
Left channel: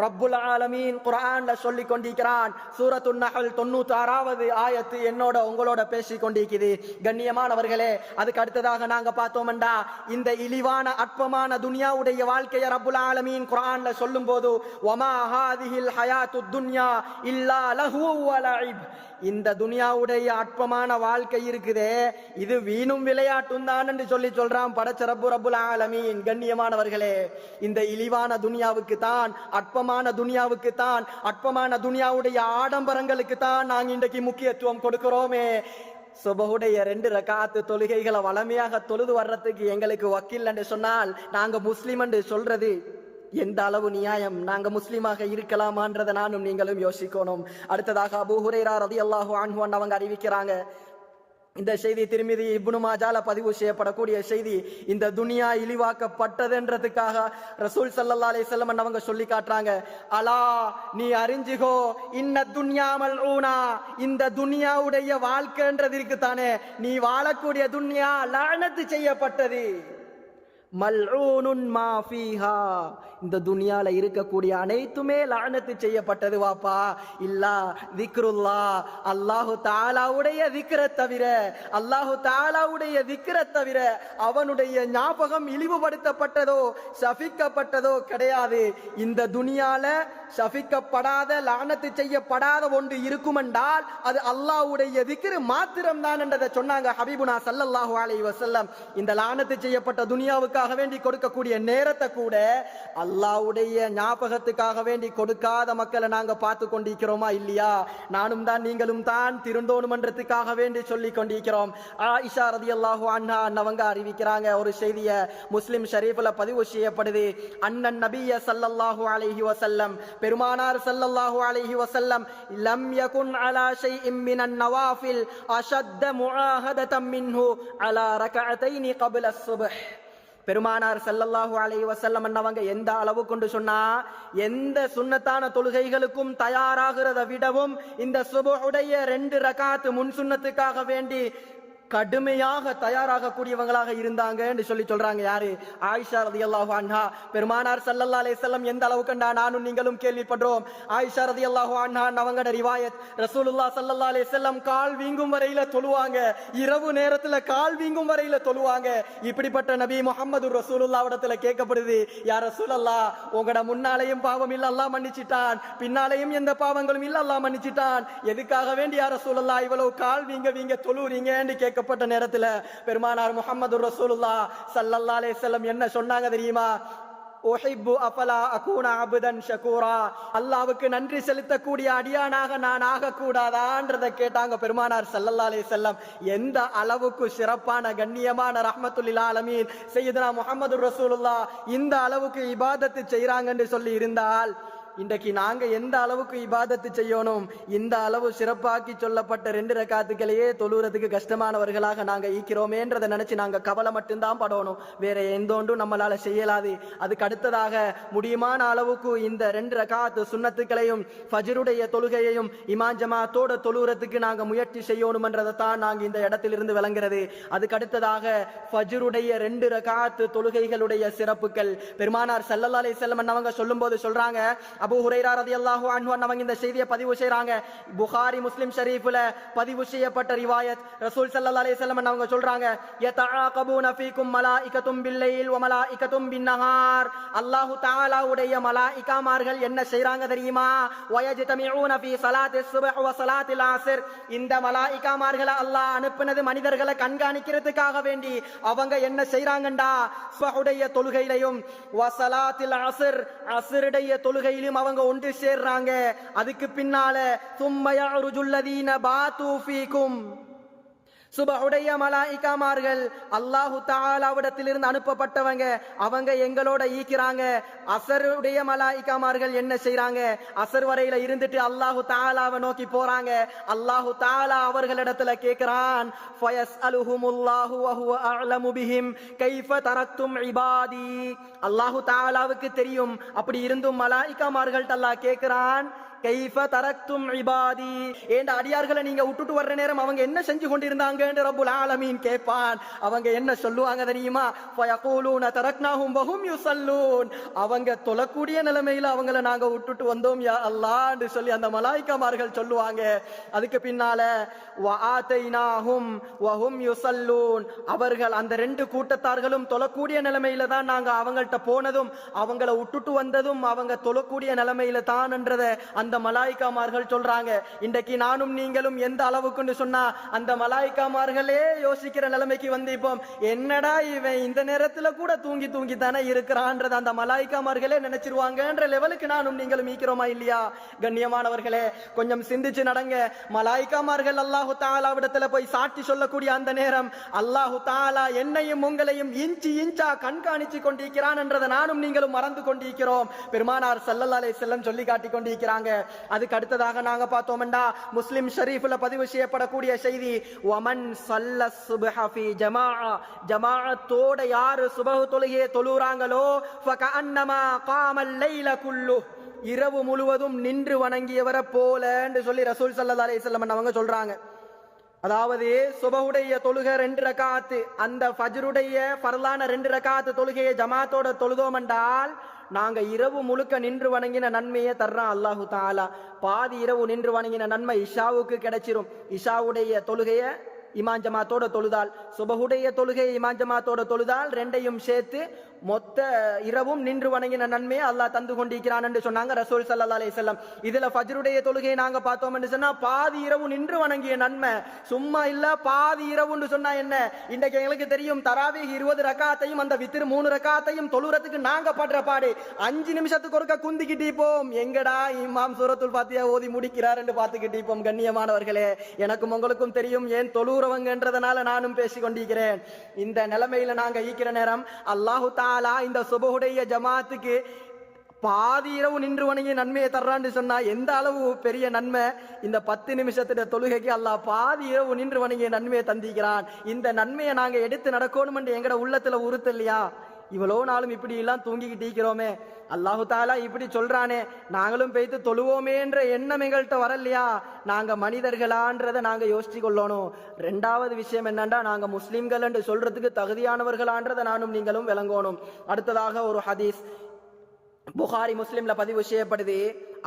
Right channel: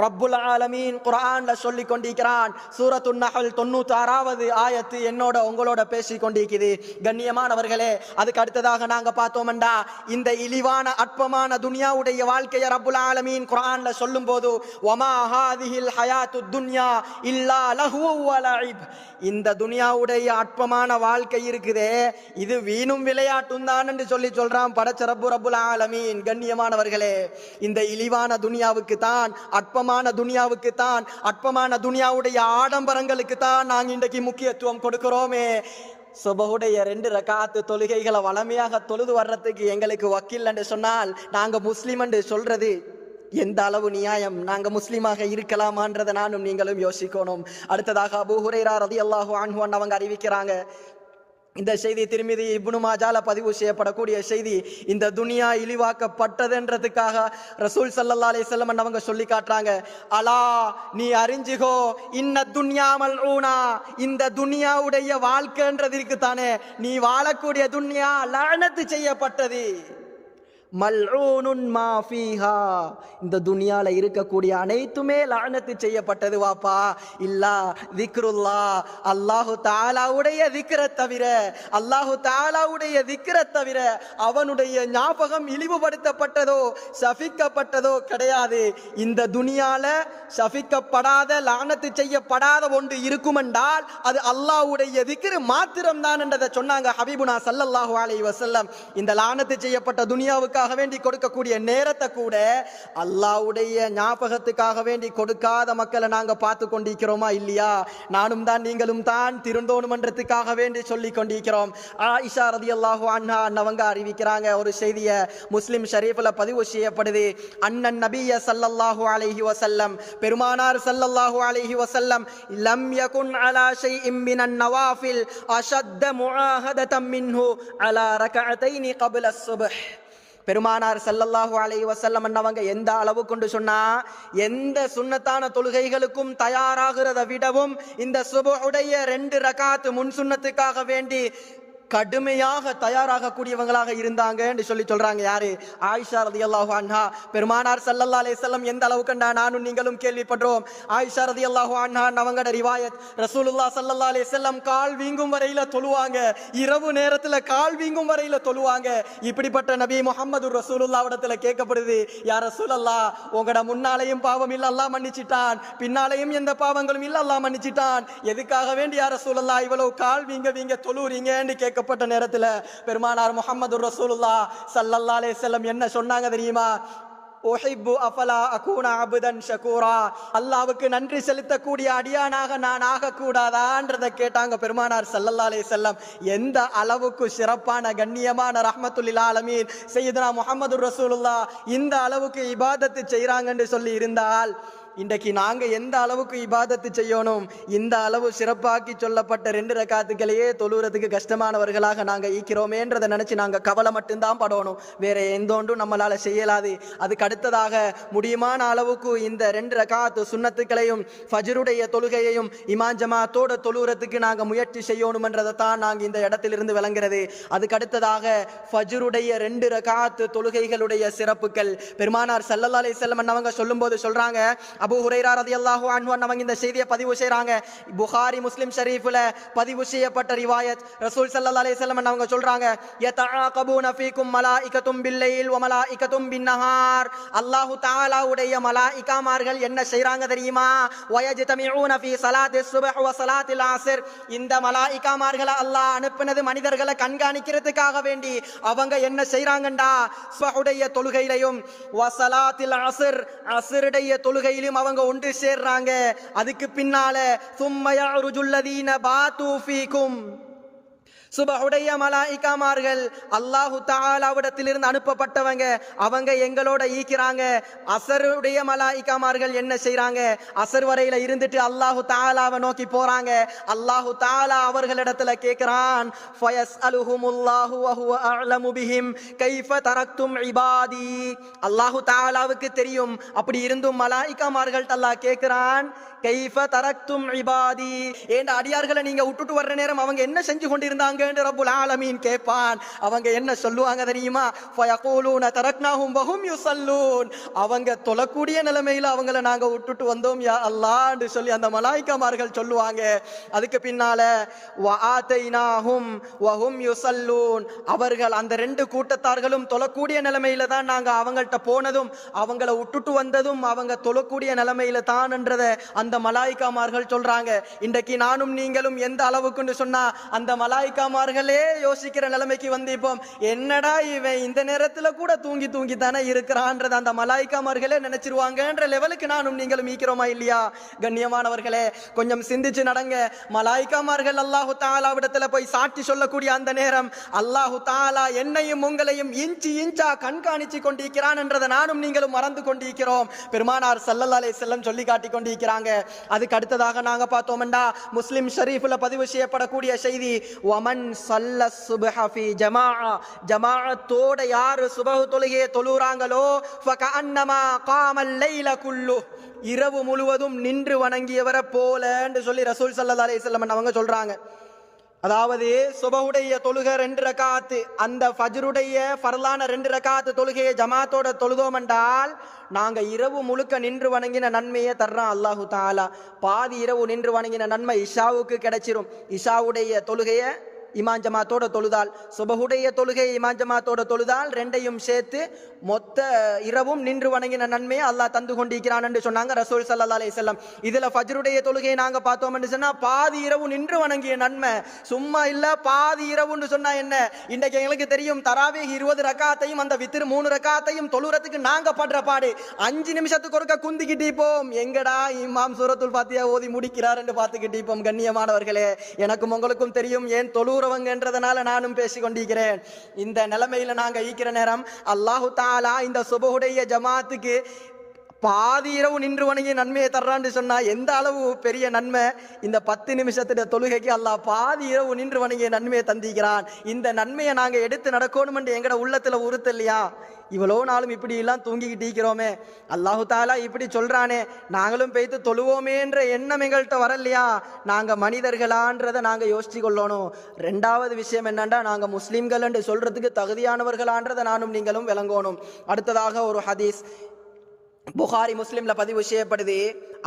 ரப்புல் ஆலமீன் குர்ஆன்ல சொல்லி கொண்டிருக்கிறான். சூரத்துன் நஹல் 96வது ஆயத்து என்னோட உங்களோட பேசி கொண்டிருக்குது. கண்ணியமானவர்களே, அதுக்கு அடுத்ததாக நாங்க பார்த்தோம்டா இந்த இழிவான அற்பமான துனியாவுடைய வாழ்க்கையை ரப்புல் ஆலமீன் குர்ஆன்ல சொல்லும் போது, வமா ஹாதிஹில் ஹயாத்துத் துன்யா இல்லா லஹ்வு வ லஇப். இந்த துனியாவுடைய அற்பமான வாழ்க்கை இருக்குதே, இது வீணும் விளையாட்டும் தான் என்று சொல்றான் படைச்ச ரப்புல் ஆலமீன். கண்ணியமானவர்களே, இந்த இழிவான துனியாவுக்கு தான், அற்பமான துனியாவுக்கு தான், அற்பமான துனியாவுடைய ஆடம்பரங்களுக்கு தான் நாங்கள் இன்றைக்கு முக்கியத்துவம் கொடுக்கிறோமே. சுபஹுடைய 2 ரகாத்து தொழுகைகளை வளமையாக தொழுது வர்றதுக்கு எங்களுக்கு வக்கீல் என்று சொன்னால் நாங்க முஸ்லிம் என்று சொல்றது எந்த அளவு நியாயம்? நாங்க முஸ்லீமாக இருக்கலாமான்றதை நானும் நீங்களும் யோசிக்கணும். அடுத்ததாக அபூ ஹுரைரா ரலியல்லாஹு அன்ஹு அவங்க அறிவிக்கிறாங்க, இந்த செய்தி திருமிதி இப்னு மாஜால பதிவு செய்யப்படக்கூடிய செய்தி. இந்த துனியா இழிவாக்கப்பட்டதுன்றதுக்காக ரசூல் ஸல்லல்லாஹு அலைஹி வஸல்லம் அவங்க சொல்லி காட்டுறாங்க, அலா நீ அறிஞ்சுகோ, இன்ன துன்யா மல்ஊனா. இந்த துனியாவுடைய வாழ்க்கைன்றது இருக்குதானே, நீ வாழக்கூடிய துன்யா லஅனத்து செய்யப்பட்டது. மல்ஊனுன் மா ஃபீஹா. இந்த துனியால இருக்கக்கூடிய அனைத்துமே லஅனத்து செய்யப்பட்டது வாப்பா. இல்லா திக்ருல்லா, அல்லாஹு தஆலாவுடைய திக்ரை தவிர, அல்லாஹு தஆலாவுடைய திக்ரை தவிர அவனுடைய ஞாபகம் இழிவுபடுத்தப்பட்டதோ சபிக்கப்பட்டதோ கிடையாது. இந்த துனியால சபிக்கப்படாத லஅனத்து செய்யப்படாத ஒன்று இருக்குமென்றால் அது அல்லாஹ்வுடைய திக்ர் மாத்திரம் தான் என்றதை சொன்னாங்க ஹபீபுனா ஸல்லல்லாஹு அலைஹி வஸல்லம். இந்த லஅனத்து செய்யப்பட்ட துனியாவுக்காக வேண்டி கொடுக்கக்கூடிய நேரத்தை கூட அல்லாஹ்வுடைய ஞாபகத்துக்காக வேண்டி கொடுக்காத மக்களை நாங்க பார்த்து கொண்டிருக்கிறோமா இல்லையா? நானும் தான் நீங்களும் தான் திருந்தோணுமன்றதுக்காக வேண்டி சொல்லி கொண்டிருக்கிறோம். ஆயிஷா ரலியல்லாஹு அன்ஹா அவங்க அறிவிக்கிறாங்க ஒரு செய்தியை, முஸ்லிம் ஷரீஃப்ல பதிவு செய்யப்படுது. அன்னன் நபிய ஸல்லல்லாஹு அலைஹி வஸல்லம், பெருமானார் ஸல்லல்லாஹு அலைஹி வஸல்லம், லம் யகுன் அலா ஷைஇன் மினன் நவாஃபில் அஷத்த முஆஹததம் மின்ஹு அலா ரகஅத்தைனி قبل الصبح. பெருமானார் ஸல்லல்லாஹு அலைஹி வஸல்லம் அவங்க எந்த அளவு கொண்டு சொன்னா, எந்த சுன்னத்தான தொழுகைகளுக்கும் தயாராகிறத விடவும் இந்த சுபஹுடைய 2 ரகாத் முன் சுன்னத்துக்காக வேண்டி கடுமையாக தயாராக கூடியவங்களாக இருந்தாங்க என்று சொல்றாங்க. யாரு? ஆயிஷா ரலியல்லாஹு அன்ஹா. பெருமானார் ஸல்லல்லாஹு அலைஹி வஸல்லம் எந்த அளவுக்கு நானும் நீங்களும் கேள்விப்படுறோம். ஆயிஷா ரலியல்லாஹு அன்ஹா அவங்களோட ரிவாயத், ரசூலுல்லாஹ் ஸல்லல்லாஹு அலைஹி வஸல்லம் கால் வீங்கும் வரையில தொழுவாங்க, இரவு நேரத்துல கால் வீங்கும் வரையில தொழுவாங்க. இப்படிப்பட்ட நபி முஹம்மது ரசூலுல்லாஹ் இடத்துல கேட்கப்படுது, யா ரசூலல்லாஹ், உங்களோட முன்னாலையும் பாவம் இல்ல அல்லாஹ் மன்னிச்சிட்டான், பின்னாலையும் எந்த பாவங்களும் இல்ல அல்லாஹ் மன்னிச்சிட்டான், எதுக்காக வேண்டி யா ரசூலல்லாஹ் இவ்வளவு கால் வீங்க தொழுறீங்கன்னு கேட்கப்பட்ட நேரத்துல பெருமானார் முஹம்மது ரசூலுல்லாஹ் ஸல்லல்லாஹு அலைஹி வஸல்லம் என்ன சொன்னாங்க தெரியுமா? உஹிப்பு அஃபலா அகூன அப்தன் ஷகூரா. அல்லாஹ்வுக்கு நன்றி செலுத்தக்கூடிய அடியானாக நான் ஆகக்கூடாதான்றதை கேட்டாங்க பெருமானார் ஸல்லல்லாஹு அலைஹி வஸல்லம். எந்த அளவுக்கு சிறப்பான கண்ணியமான ரஹ்மத்துல் ஆலமீன் சையதுனா முஹம்மது ரசூலுல்லாஹ் இந்த அளவுக்கு இபாதத்து செய்றாங்கன்னு சொல்லி இருந்தால் இன்றைக்கு நாங்க எந்த அளவுக்கு இபாதத்து செய்யணும், இந்த அளவு சிறப்பாக்கி சொல்லப்பட்ட 2 ரக்காத்துக்களையே தொழுறதுக்கு கஷ்டமானவர்களாக நாங்க ஈக்கிறோமேன்றதை நினைச்சு நாங்க கவலை மட்டும்தான் படணும். வேற எந்த ஒன்றும் நம்மளால செய்யலாது. அதுக்கு அடுத்ததாக முடியுமான அளவுக்கு இந்த 2 ரக்காத்து சுன்னத்துக்களையும் ஃபஜ்ருடைய தொழுகையையும் இமாம் ஜமாத்தோட தொழுறதுக்கு நாங்க முயற்சி செய்யணும்ன்றதை தான் நாங்க இந்த இடத்திலிருந்து விளங்குறது. அதுக்கு அடுத்ததாக ஃபஜ்ருடைய 2 ரக்காத்து தொழுகைகளுடைய சிறப்புகள் பெருமானார் ஸல்லல்லாஹு அலைஹி வஸல்லம் அவங்க சொல்லும்போது சொல்றாங்க, அபூ ஹுரைரா ரலியல்லாஹு அன்ஹு அவங்க இந்த செய்தியை பதிவு செய்றாங்க. புகாரி முஸ்லிம் ஷரீஃப்ல பதிவு செய்யப்பட்ட ரிவாயத். ரசூல் ஸல்லல்லாஹு அலைஹி வஸல்லம் அவங்க சொல்றாங்க, யதஆகபூன ஃபீக்கும் மலாயிகத்தும் பில்லைல் வ மலாயிகத்தும் பின்னஹார். அல்லாஹ் தஆலாவுடைய மலாயிகாமார்கள் என்ன செய்றாங்க தெரியுமா? வயஜ்தமிஊன ஃபீ ஸலாத்திஸ் சுப்ஹ் வ ஸலாத்தில் அஸ்ர். இந்த மலாயிகாமார்களை அல்லாஹ் அனுப்பினது மனிதர்களை கண்காணிக்கிறதுக்காக வேண்டி. அவங்க என்ன செய்றாங்கண்டா, சுப்ஹுடைய தொழுகையிலையும் வ ஸலாத்தில் அஸ்ர் அஸ்ருடைய தொழுகையிலும் அவங்க ஒன்று சேர்றாங்க. அதுக்கு பின்னால சும்ம யஅருஜுல் லதீன பாது ஃபீக்கும். சுபஹுடைய மலாயிகாமார்கள் அல்லாஹு தஆலாவிடத்திலிருந்து அனுப்பப்பட்டவங்க, அவங்க எங்களோட ஈக்கிறாங்க. அசருடைய மலாயிகாமார்கள் என்ன செய்றாங்க? அசர் வரையில இருந்துட்டு அல்லாஹு தஆலாவை நோக்கி போறாங்க. அல்லாஹு தஆலா அவர்களிடத்துல கேட்கிறான், ஃபயஸ்அலுஹுமுல்லாஹு வ ஹுவ அஅலமு பிஹிம் கைஃப தரக்தும் இபாதி. அல்லாஹு தஆலாவுக்கு தெரியும். அப்படி இருந்தும் மலாயிகாமார்கள் அல்லாஹ் கேட்கிறான், கைஃப தரக்தும் இபாதி, ஏண்ட அடியார்களை நீங்க விட்டுட்டு வர்ற நேரம் அவங்க என்ன செஞ்சு கொண்டிருந்தாங்க என்று ரப்புல் ஆலமீன் கேட்பான். அவங்க என்ன சொல்லுவாங்க தெரியுமா? ஃபயகூலூன தரக்னாஹும் வஹும் யுஸல்லூன். அவங்க தொழக்கூடிய நிலைமையில அவங்கள நாங்க விட்டுட்டு வந்தோம் யா அல்லாஹ் என்று சொல்லி அந்த மலாயிகாமார்கள் சொல்லுவாங்க. அதுக்கு பின்னால வஆதைனாஹும் வஹும் யுஸல்லூன். அவர்கள் அந்த 2 கூட்டத்தார்களும் தொழக்கூடிய நிலைமையில தான் நாங்க அவங்கள்ட்ட போனதும் அவங்கள விட்டுட்டு வந்ததும் அவங்க தொழக்கூடிய நிலைமையில தான் என்றதை அந்த மலாயிகாமார்கள் சொல்றாங்க. இன்றைக்கு நானும் நீங்களும் எந்த அளவுக்குன்னு சொன்னா அந்த மலாயிகாமார்களே யோசிக்கிற நிலைமைக்கு வந்து இப்போ என்னடா இவன் இந்த நேரத்துல கூட தூங்கி தூங்கி தானே இருக்கிறான்றத அந்த மலாயிகாமார்களே நினைச்சிருவாங்கன்ற லெவலுக்கு நானும் நீங்களும் ஈக்கிறோமா இல்லையா? கண்ணியமானவர்களே, கொஞ்சம் சிந்திச்சு நடங்க. மலாயிகாமார்கள் அல்லாஹு தஆலாவிடத்துல போய் சாட்சி சொல்லக்கூடிய அந்த நேரம் அல்லாஹு தஆலா என்னையும் உங்களையும் இன்ச்சு இன்ச்சா கண்காணிச்சு கொண்டிருக்கிறான் என்றதை நானும் நீங்களும் மறந்து கொண்டிருக்கிறோம். பெருமானார் ஸல்லல்லாஹு அலைஹி வஸல்லம் சொல்லி காட்டி கொண்டிருக்கிறாங்க. அதுக்கு அடுத்ததாக நாங்க பார்த்தோம்டா முஸ்லிம் ஷரீஃப்ல பதிவு செய்யப்படக்கூடிய செய்தி, வமன் ஸல்ல சுப்ஹ ஃபீ ஜமாஅ. ஜமாஅத்தோட யார் சுபஹ் தொழுகையை தொழுறாங்களோ ஃபகஅன்னமா காமல் லைல குல்லு, இரவு முழுவதும் நின்று வணங்கியவரை போல என்று சொல்லி ரசூல் ஸல்லல்லாஹு அலைஹி வஸல்லம் அவங்க சொல்றாங்க. அதாவது சுபஹுடைய தொழுகை 2 ரக்காத்து, அந்த ஃபஜ்ருடைய ஃபர்லான 2 ரக்காத்து தொழுகையை ஜமாத்தோட தொழுதோம் என்றால் நாங்க இரவு முழுக்க நின்று வணங்கின நன்மையை தர்றான் அல்லாஹு தஆலா. பாதி இரவு நின்று வணங்கின நன்மை இஷாவுக்கு கிடைச்சிரும். இஷாவுடைய தொழுகையை இமாம் ஜமாத்தோட தொழுதால், சுபஹுடைய தொழுகையை இமாம் ஜமாத்தோட தொழுதால், 2ஐயும் சேர்த்து மொத்த இரவும் நின்று வணங்கின நன்மையை அல்லாஹ் தந்து கொண்டிருக்கிறான் என்று சொன்னாங்க ரசூல் ஸல்லல்லாஹு அலைஹி வஸல்லம். இதுல ஃபஜ்ருடைய தொழுகையை நாங்க பார்த்தோம் என்று சொன்னா பாதி இரவு நின்று வணங்கிய நன்மை. சும்மா இல்ல, பாதி இரவுன்னு சொன்னா என்ன? இன்றைக்கு எங்களுக்கு தெரியும் தராவீஹ் 20 ரக்காத்தையும் அந்த வித்ர் 3 ரக்காத்தையும் தொழுறதுக்கு நாங்க படுற பாடு 5 நிமிஷத்துக்கு ஒருக்க குந்திக்கிட்டு போம். எங்கடா இமாம் சூரத்துல் ஃபாத்திஹா ஓதி முடிக்கிறார் என்று பார்த்துக்கிட்டு போம். கண்ணியமானவர்களே, எனக்கும் உங்களுக்கும் தெரியும் ஏன் தொழுறவங்கன்றதுனால நானும் பேசிக் கொண்டிருக்கிறேன். இந்த நிலைமையில நாங்க ஈக்கிற நேரம் அல்லாஹு தஆலா இந்த சுபஹுடைய ஜமாத்துக்கு பாதி இரவு நின்று வணங்கி நன்மையை தர்றான்னு சொன்னா எந்த அளவு பெரிய நன்மை! இந்த 10 நிமிஷத்துடைய தொழுகைக்கு அல்லாஹ் பாதி இரவு நின்று வணங்கிய நன்மையை தந்திக்கிறான். இந்த நன்மையை நாங்க எடுத்து நடக்கணும் என்று எங்கட உள்ளத்துல உறுத்த இல்லையா? இவ்வளோ நாளும் இப்படி எல்லாம் தூங்கிக்கிட்டு இருக்கிறோமே, அல்லாஹு தாலா இப்படி சொல்றானே, நாங்களும் போய்த்து தொழுவோமேன்ற எண்ணம் எங்கள்கிட்ட வரலையா? நாங்க மனிதர்களான்றதை நாங்க யோசிச்சு கொள்ளணும். 2வது விஷயம் என்னண்டா, நாங்க முஸ்லிம்கள் என்று சொல்றதுக்கு தகுதியானவர்களான்றதை நானும் நீங்களும் விளங்கணும். அடுத்ததாக ஒரு ஹதீஸ் புகாரி முஸ்லிம்ல பதிவு செய்யப்படுது.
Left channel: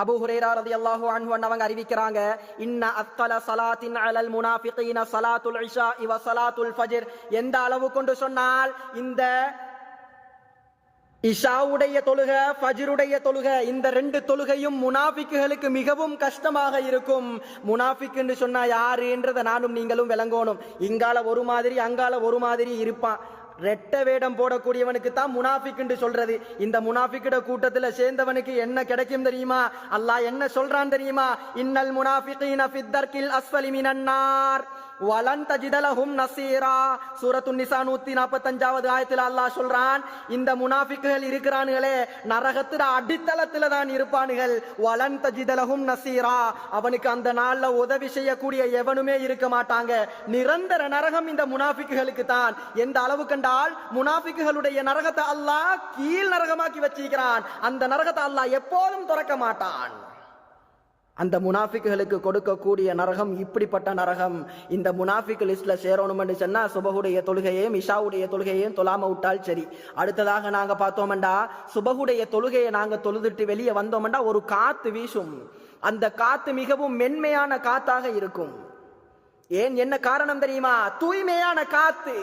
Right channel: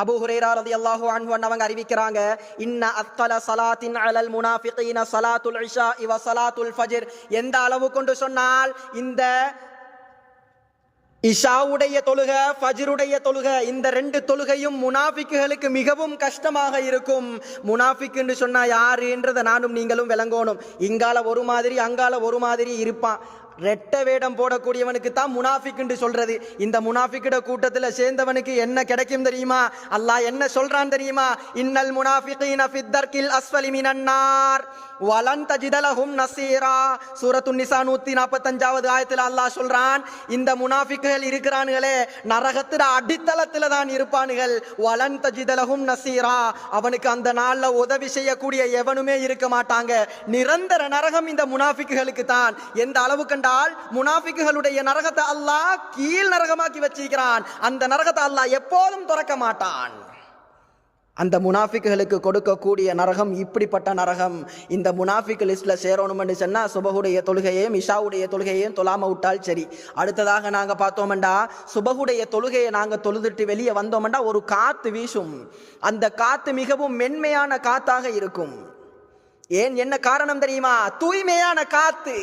அபூ ஹுரைரா ரலியல்லாஹு அன்ஹு அவங்க அறிவிக்கிறாங்க, இன்ன அத்கல ஸலாத்தின் அலல் முனாஃபிகீன ஸலாத்துல் இஷா வ ஸலாத்துல் ஃபஜ்ர். எந்த அளவு கொண்டு சொன்னால் இந்த இஷாவுடைய தொழுகை, ஃபஜ்ருடைய தொழுகை, இந்த 2 தொழுகையும் முனாஃபிக்குகளுக்கு மிகவும் கஷ்டமாக இருக்கும். முனாஃபிக் என்று சொன்னா யாருன்றதை நானும் நீங்களும் விளங்கணும். இங்கால ஒரு மாதிரி அங்கால ஒரு மாதிரி இருப்பான். ரெட்ட வேடம் போடக்கூடியவனுக்கு தான் முனாஃபிக் என்று சொல்றது. இந்த முனாஃபிக்கிட கூட்டத்துல சேர்ந்தவனுக்கு என்ன கிடைக்கும் தெரியுமா? அல்லாஹ் என்ன சொல்றான் தெரியுமா? இன்னல் முனாஃபிகீன ஃபித் தர்கில் அஸ்ஃபலி மினன் நார் வலன் தஜித லஹும் நஸீரா. சூரத்துன் நிசா 145வது ஆயத்தில் அல்லாஹ் சொல்றான், இந்த முனாஃபிக்குகள் இருக்கிறானுகளே நரகத்தில அடித்தளத்துல தான் இருப்பானுகள். வலன் தஜித லஹும் நஸீரா, அவனுக்கு அந்த நாள்ல உதவி செய்யக்கூடிய எவனுமே இருக்க மாட்டாங்க. நிரந்தர நரகம் இந்த முனாஃபிக்குகளுக்கு தான். எந்த அளவு கண்டால் முனாஃபிக்குகளுடைய நரகத்தை அல்லாஹ் கீழ் நரகமாக்கி வச்சிருக்கிறான். அந்த நரகத்தை அல்லாஹ் எப்போதும் திறக்க மாட்டான். அந்த முனாஃபிக்குகளுக்கு கொடுக்கக்கூடிய நரகம் இப்படிப்பட்ட நரகம். இந்த முனாஃபிக் லிஸ்ட்ல சேரணும்னு சொன்னா சுபகுடைய தொழுகையையும் இஷாவுடைய தொழுகையையும் தொழாம விட்டால் சரி. அடுத்ததாக நாங்க பார்த்தோம்டா, சுபகுடைய தொழுகையை நாங்க தொழுதுட்டு வெளியே வந்தோம்டா ஒரு காத்து வீசும். அந்த காத்து மிகவும் மென்மையான காத்தாக இருக்கும். ஏன், என்ன காரணம் தெரியுமா? தூய்மையான காத்து.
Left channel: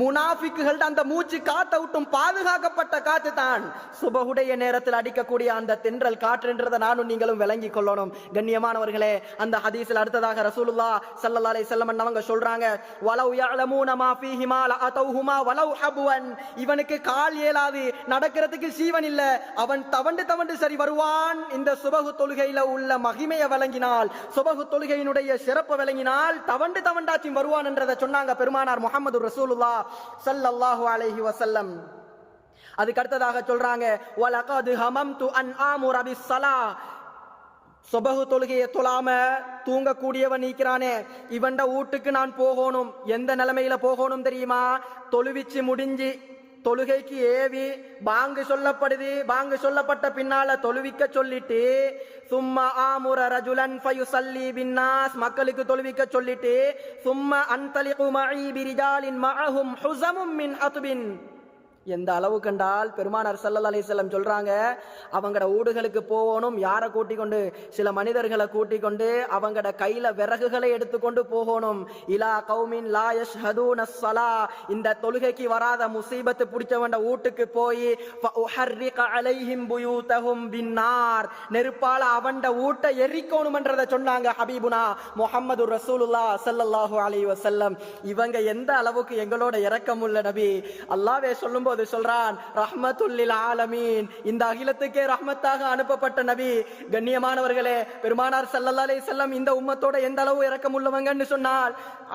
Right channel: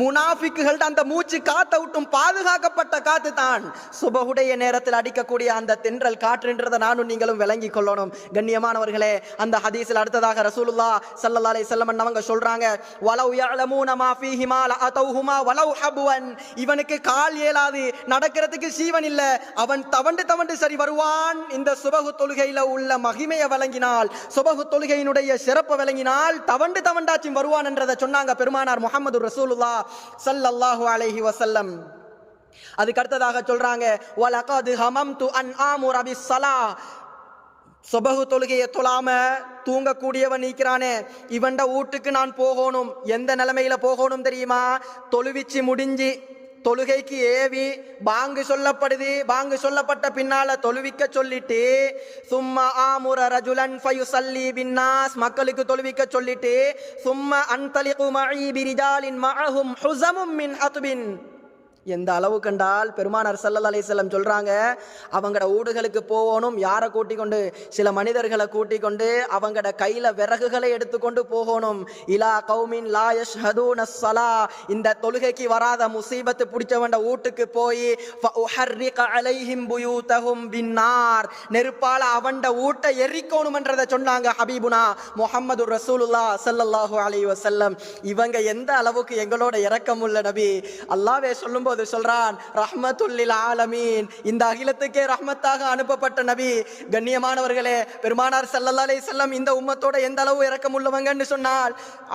முனாஃபிக்குகள் அந்த மூச்சு காத்த விட்டும் பாதுகாக்கப்பட்ட காத்து தான் சுபஹுடைய நேரத்தில் அடிக்கக்கூடிய அந்த தென்றல் காற்றுன்றதை நானும் நீங்களும் விளங்கி கொள்ளணும். கண்ணியமானவர்களே, அந்த ஹதீஸில் அடுத்ததாக ரசூலுல்லாஹ் ஸல்லல்லாஹு அலைஹி வஸல்லம் அவங்க சொல்றாங்க, வலவ் யஅலமூன மா ஃபீஹிமா லஅதௌஹுமா வலவ் ஹப்வன். இவனுக்கு கால் ஏலாது, நடக்கிறதுக்கு சீவன் இல்ல, அவன் தவண்டு சரி வருவான். இந்த சுபஹு தொழுகையில உள்ள மகிமையை வழங்கினால், சுபஹு தொழுகையினுடைய சிறப்பு வழங்கினால் தவண்டாச்சும் வருவான் என்றதை சொன்னாங்க பெருமானார் முஹம்மது ரசூலுல்லாஹ் ஸல்லல்லாஹு அலைஹி வஸல்லம். அதுக்கு அடுத்ததாக சொல்றாங்க, வலகத் ஹமம்து அன் ஆமுர பிஸ்ஸலாஹ். சுபஹு தொழுகையை தொழாம தூங்கக்கூடியவன் நீக்கிறானே, இவன்ட வீட்டுக்கு நான் போகணும். எந்த நிலைமையில போகணும் தெரியுமா? தொழுவிச்சு முடிஞ்சு தொழுகைக்கு ஏவி பாங்கு சொல்லப்படுது. பாங்கு சொல்லப்பட்ட பின்னால தொழுவிக்க சொல்லிட்டு சும்மா ஆமுர ரஜுலன் ஃபயுஸல்லி பின்னாஸ், மக்களுக்கு தொழுவிக்க சொல்லிட்டு சும்மா அன்தலிகு மஇ பிரிஜாலின் மஅஹும் ஹுஸமும் மின் ஹத்பின். எந்த அளவு கண்டால் பெருமானார் ஸல்லல்லாஹு அலைஹி வஸல்லம் சொல்றாங்க, அவங்கட ஊடுகளுக்கு போகணும். யாரை கூட்டிக் கொண்டு? சில மனிதர்களை கூட்டிக் கொண்டு அவங்கட கையில விறகுகளை எடுத்துக்கொண்டு போகணும். இலா கௌமின் லா யஷ்ஹதூன ஸலா, இந்த தொழுகைக்கு வராத முசீபத்து பிடிச்சவண்ட வீட்டுக்கு போய் ஃபஉஹர்ரிக அலைஹிம் புயூதஹும் பின்னார், நெருப்பால அவண்ட வீட்டை எரிக்கணும்ன்றதை சொன்னாங்க ஹபீபுனா முஹம்மது ரசூலுல்லாஹ் ஸல்லல்லாஹு அலைஹி வஸல்லம். இவங்க எந்த அளவுக்கு எங்களோட இரக்கமுள்ள நபி. அல்லாஹ்வே சொல்லும் சொல்றான், ரஹ்மத்துல் லில் ஆலமீன், இந்த அகிலத்துக்கே ரஹ்மத்தாக அனுப்பப்பட்ட நபி. கண்ணியமானவர்களே, பெருமானார் ஸல்லல்லாஹு அலைஹி வஸல்லம் இந்த உம்மத்தோட எந்த அளவு இரக்கமுள்ளவங்கன்னு சொன்னால்,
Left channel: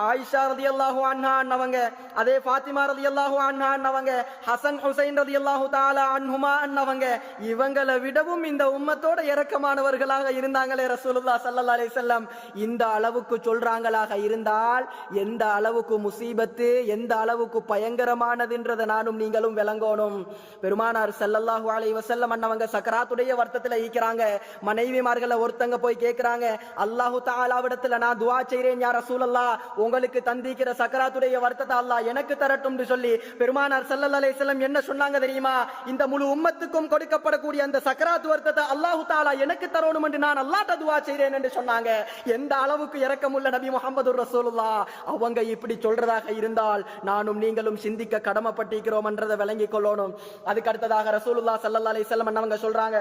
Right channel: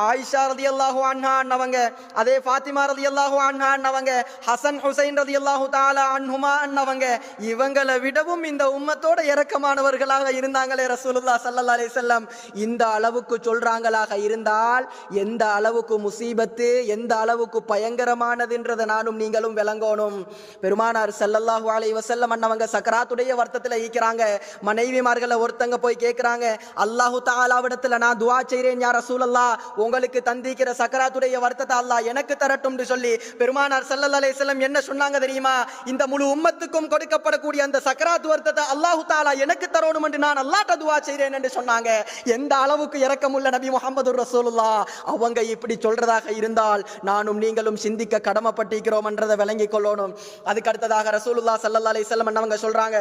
ஆயிஷா ரலியல்லாஹு அன்ஹா அன்னவங்க, அதே ஃபாத்திமா ரலியல்லாஹு அன்ஹா அன்னவங்க, ஹசன் ஹுசைன் ரலியல்லாஹு தஆலா அன்ஹுமா அன்னவங்க, இவங்களை விடவும் இந்த உம்மத்தோட இரக்கமானவர்களாக இருந்தாங்களே ரசூலுல்லாஹ் ஸல்லல்லாஹு அலைஹி வஸல்லம். இந்த அளவுக்கு சொல்றாங்களாக இருந்தால் எந்த அளவுக்கு முசீபத்து, எந்த அளவுக்கு பயங்கரமானதுன்றதை நானும் நீங்களும் விளங்கணும். பெருமானார் ஸல்லல்லாஹு அலைஹி வஸல்லம் அன்னவங்க சக்கராத்துடைய வருத்தத்தில் ஈக்கிறாங்க. மனைவிமார்களை ஒருத்தங்க போய் கேட்கிறாங்க, அல்லாஹு தஆலாவிடத்துல நான் துஆ செய்றேன் யா ரசூலல்லாஹ், உங்களுக்கு தந்திக்கிற சக்கராத்துடைய வருத்தத்தை அல்லாஹ் எனக்கு தரட்டும் சொல்லி பெருமானார் ஸல்லல்லாஹு அலைஹி வஸல்லம் என்ன சொன்னாங்க தெரியுமா? இந்த முழு உம்மத்துக்கும் கொடுக்கப்படக்கூடிய அந்த சக்கராத்து வருத்தத்தை அல்லாஹு தஆலா எனக்கு தரணும் என்று நான் அல்லாஹ்ட்ட துஆ செய்றேன் என்று சொன்னாங்க. எந்த அளவுக்கு இரக்கமுள்ள நபி முஹம்மது ரசூலுல்லாஹ். அவங்க இப்படி சொல்றதாக இருந்தால் நானும் நீங்களும் சிந்திக்க கடமைப்பட்டிருக்கிறோம் என்றதை விளங்கிக் கொள்ளணும். அதுக்கு அடுத்ததாக ரசூலுல்லாஹ் ஸல்லல்லாஹு அலைஹி வஸல்லம் அவங்க சொல்றாங்க,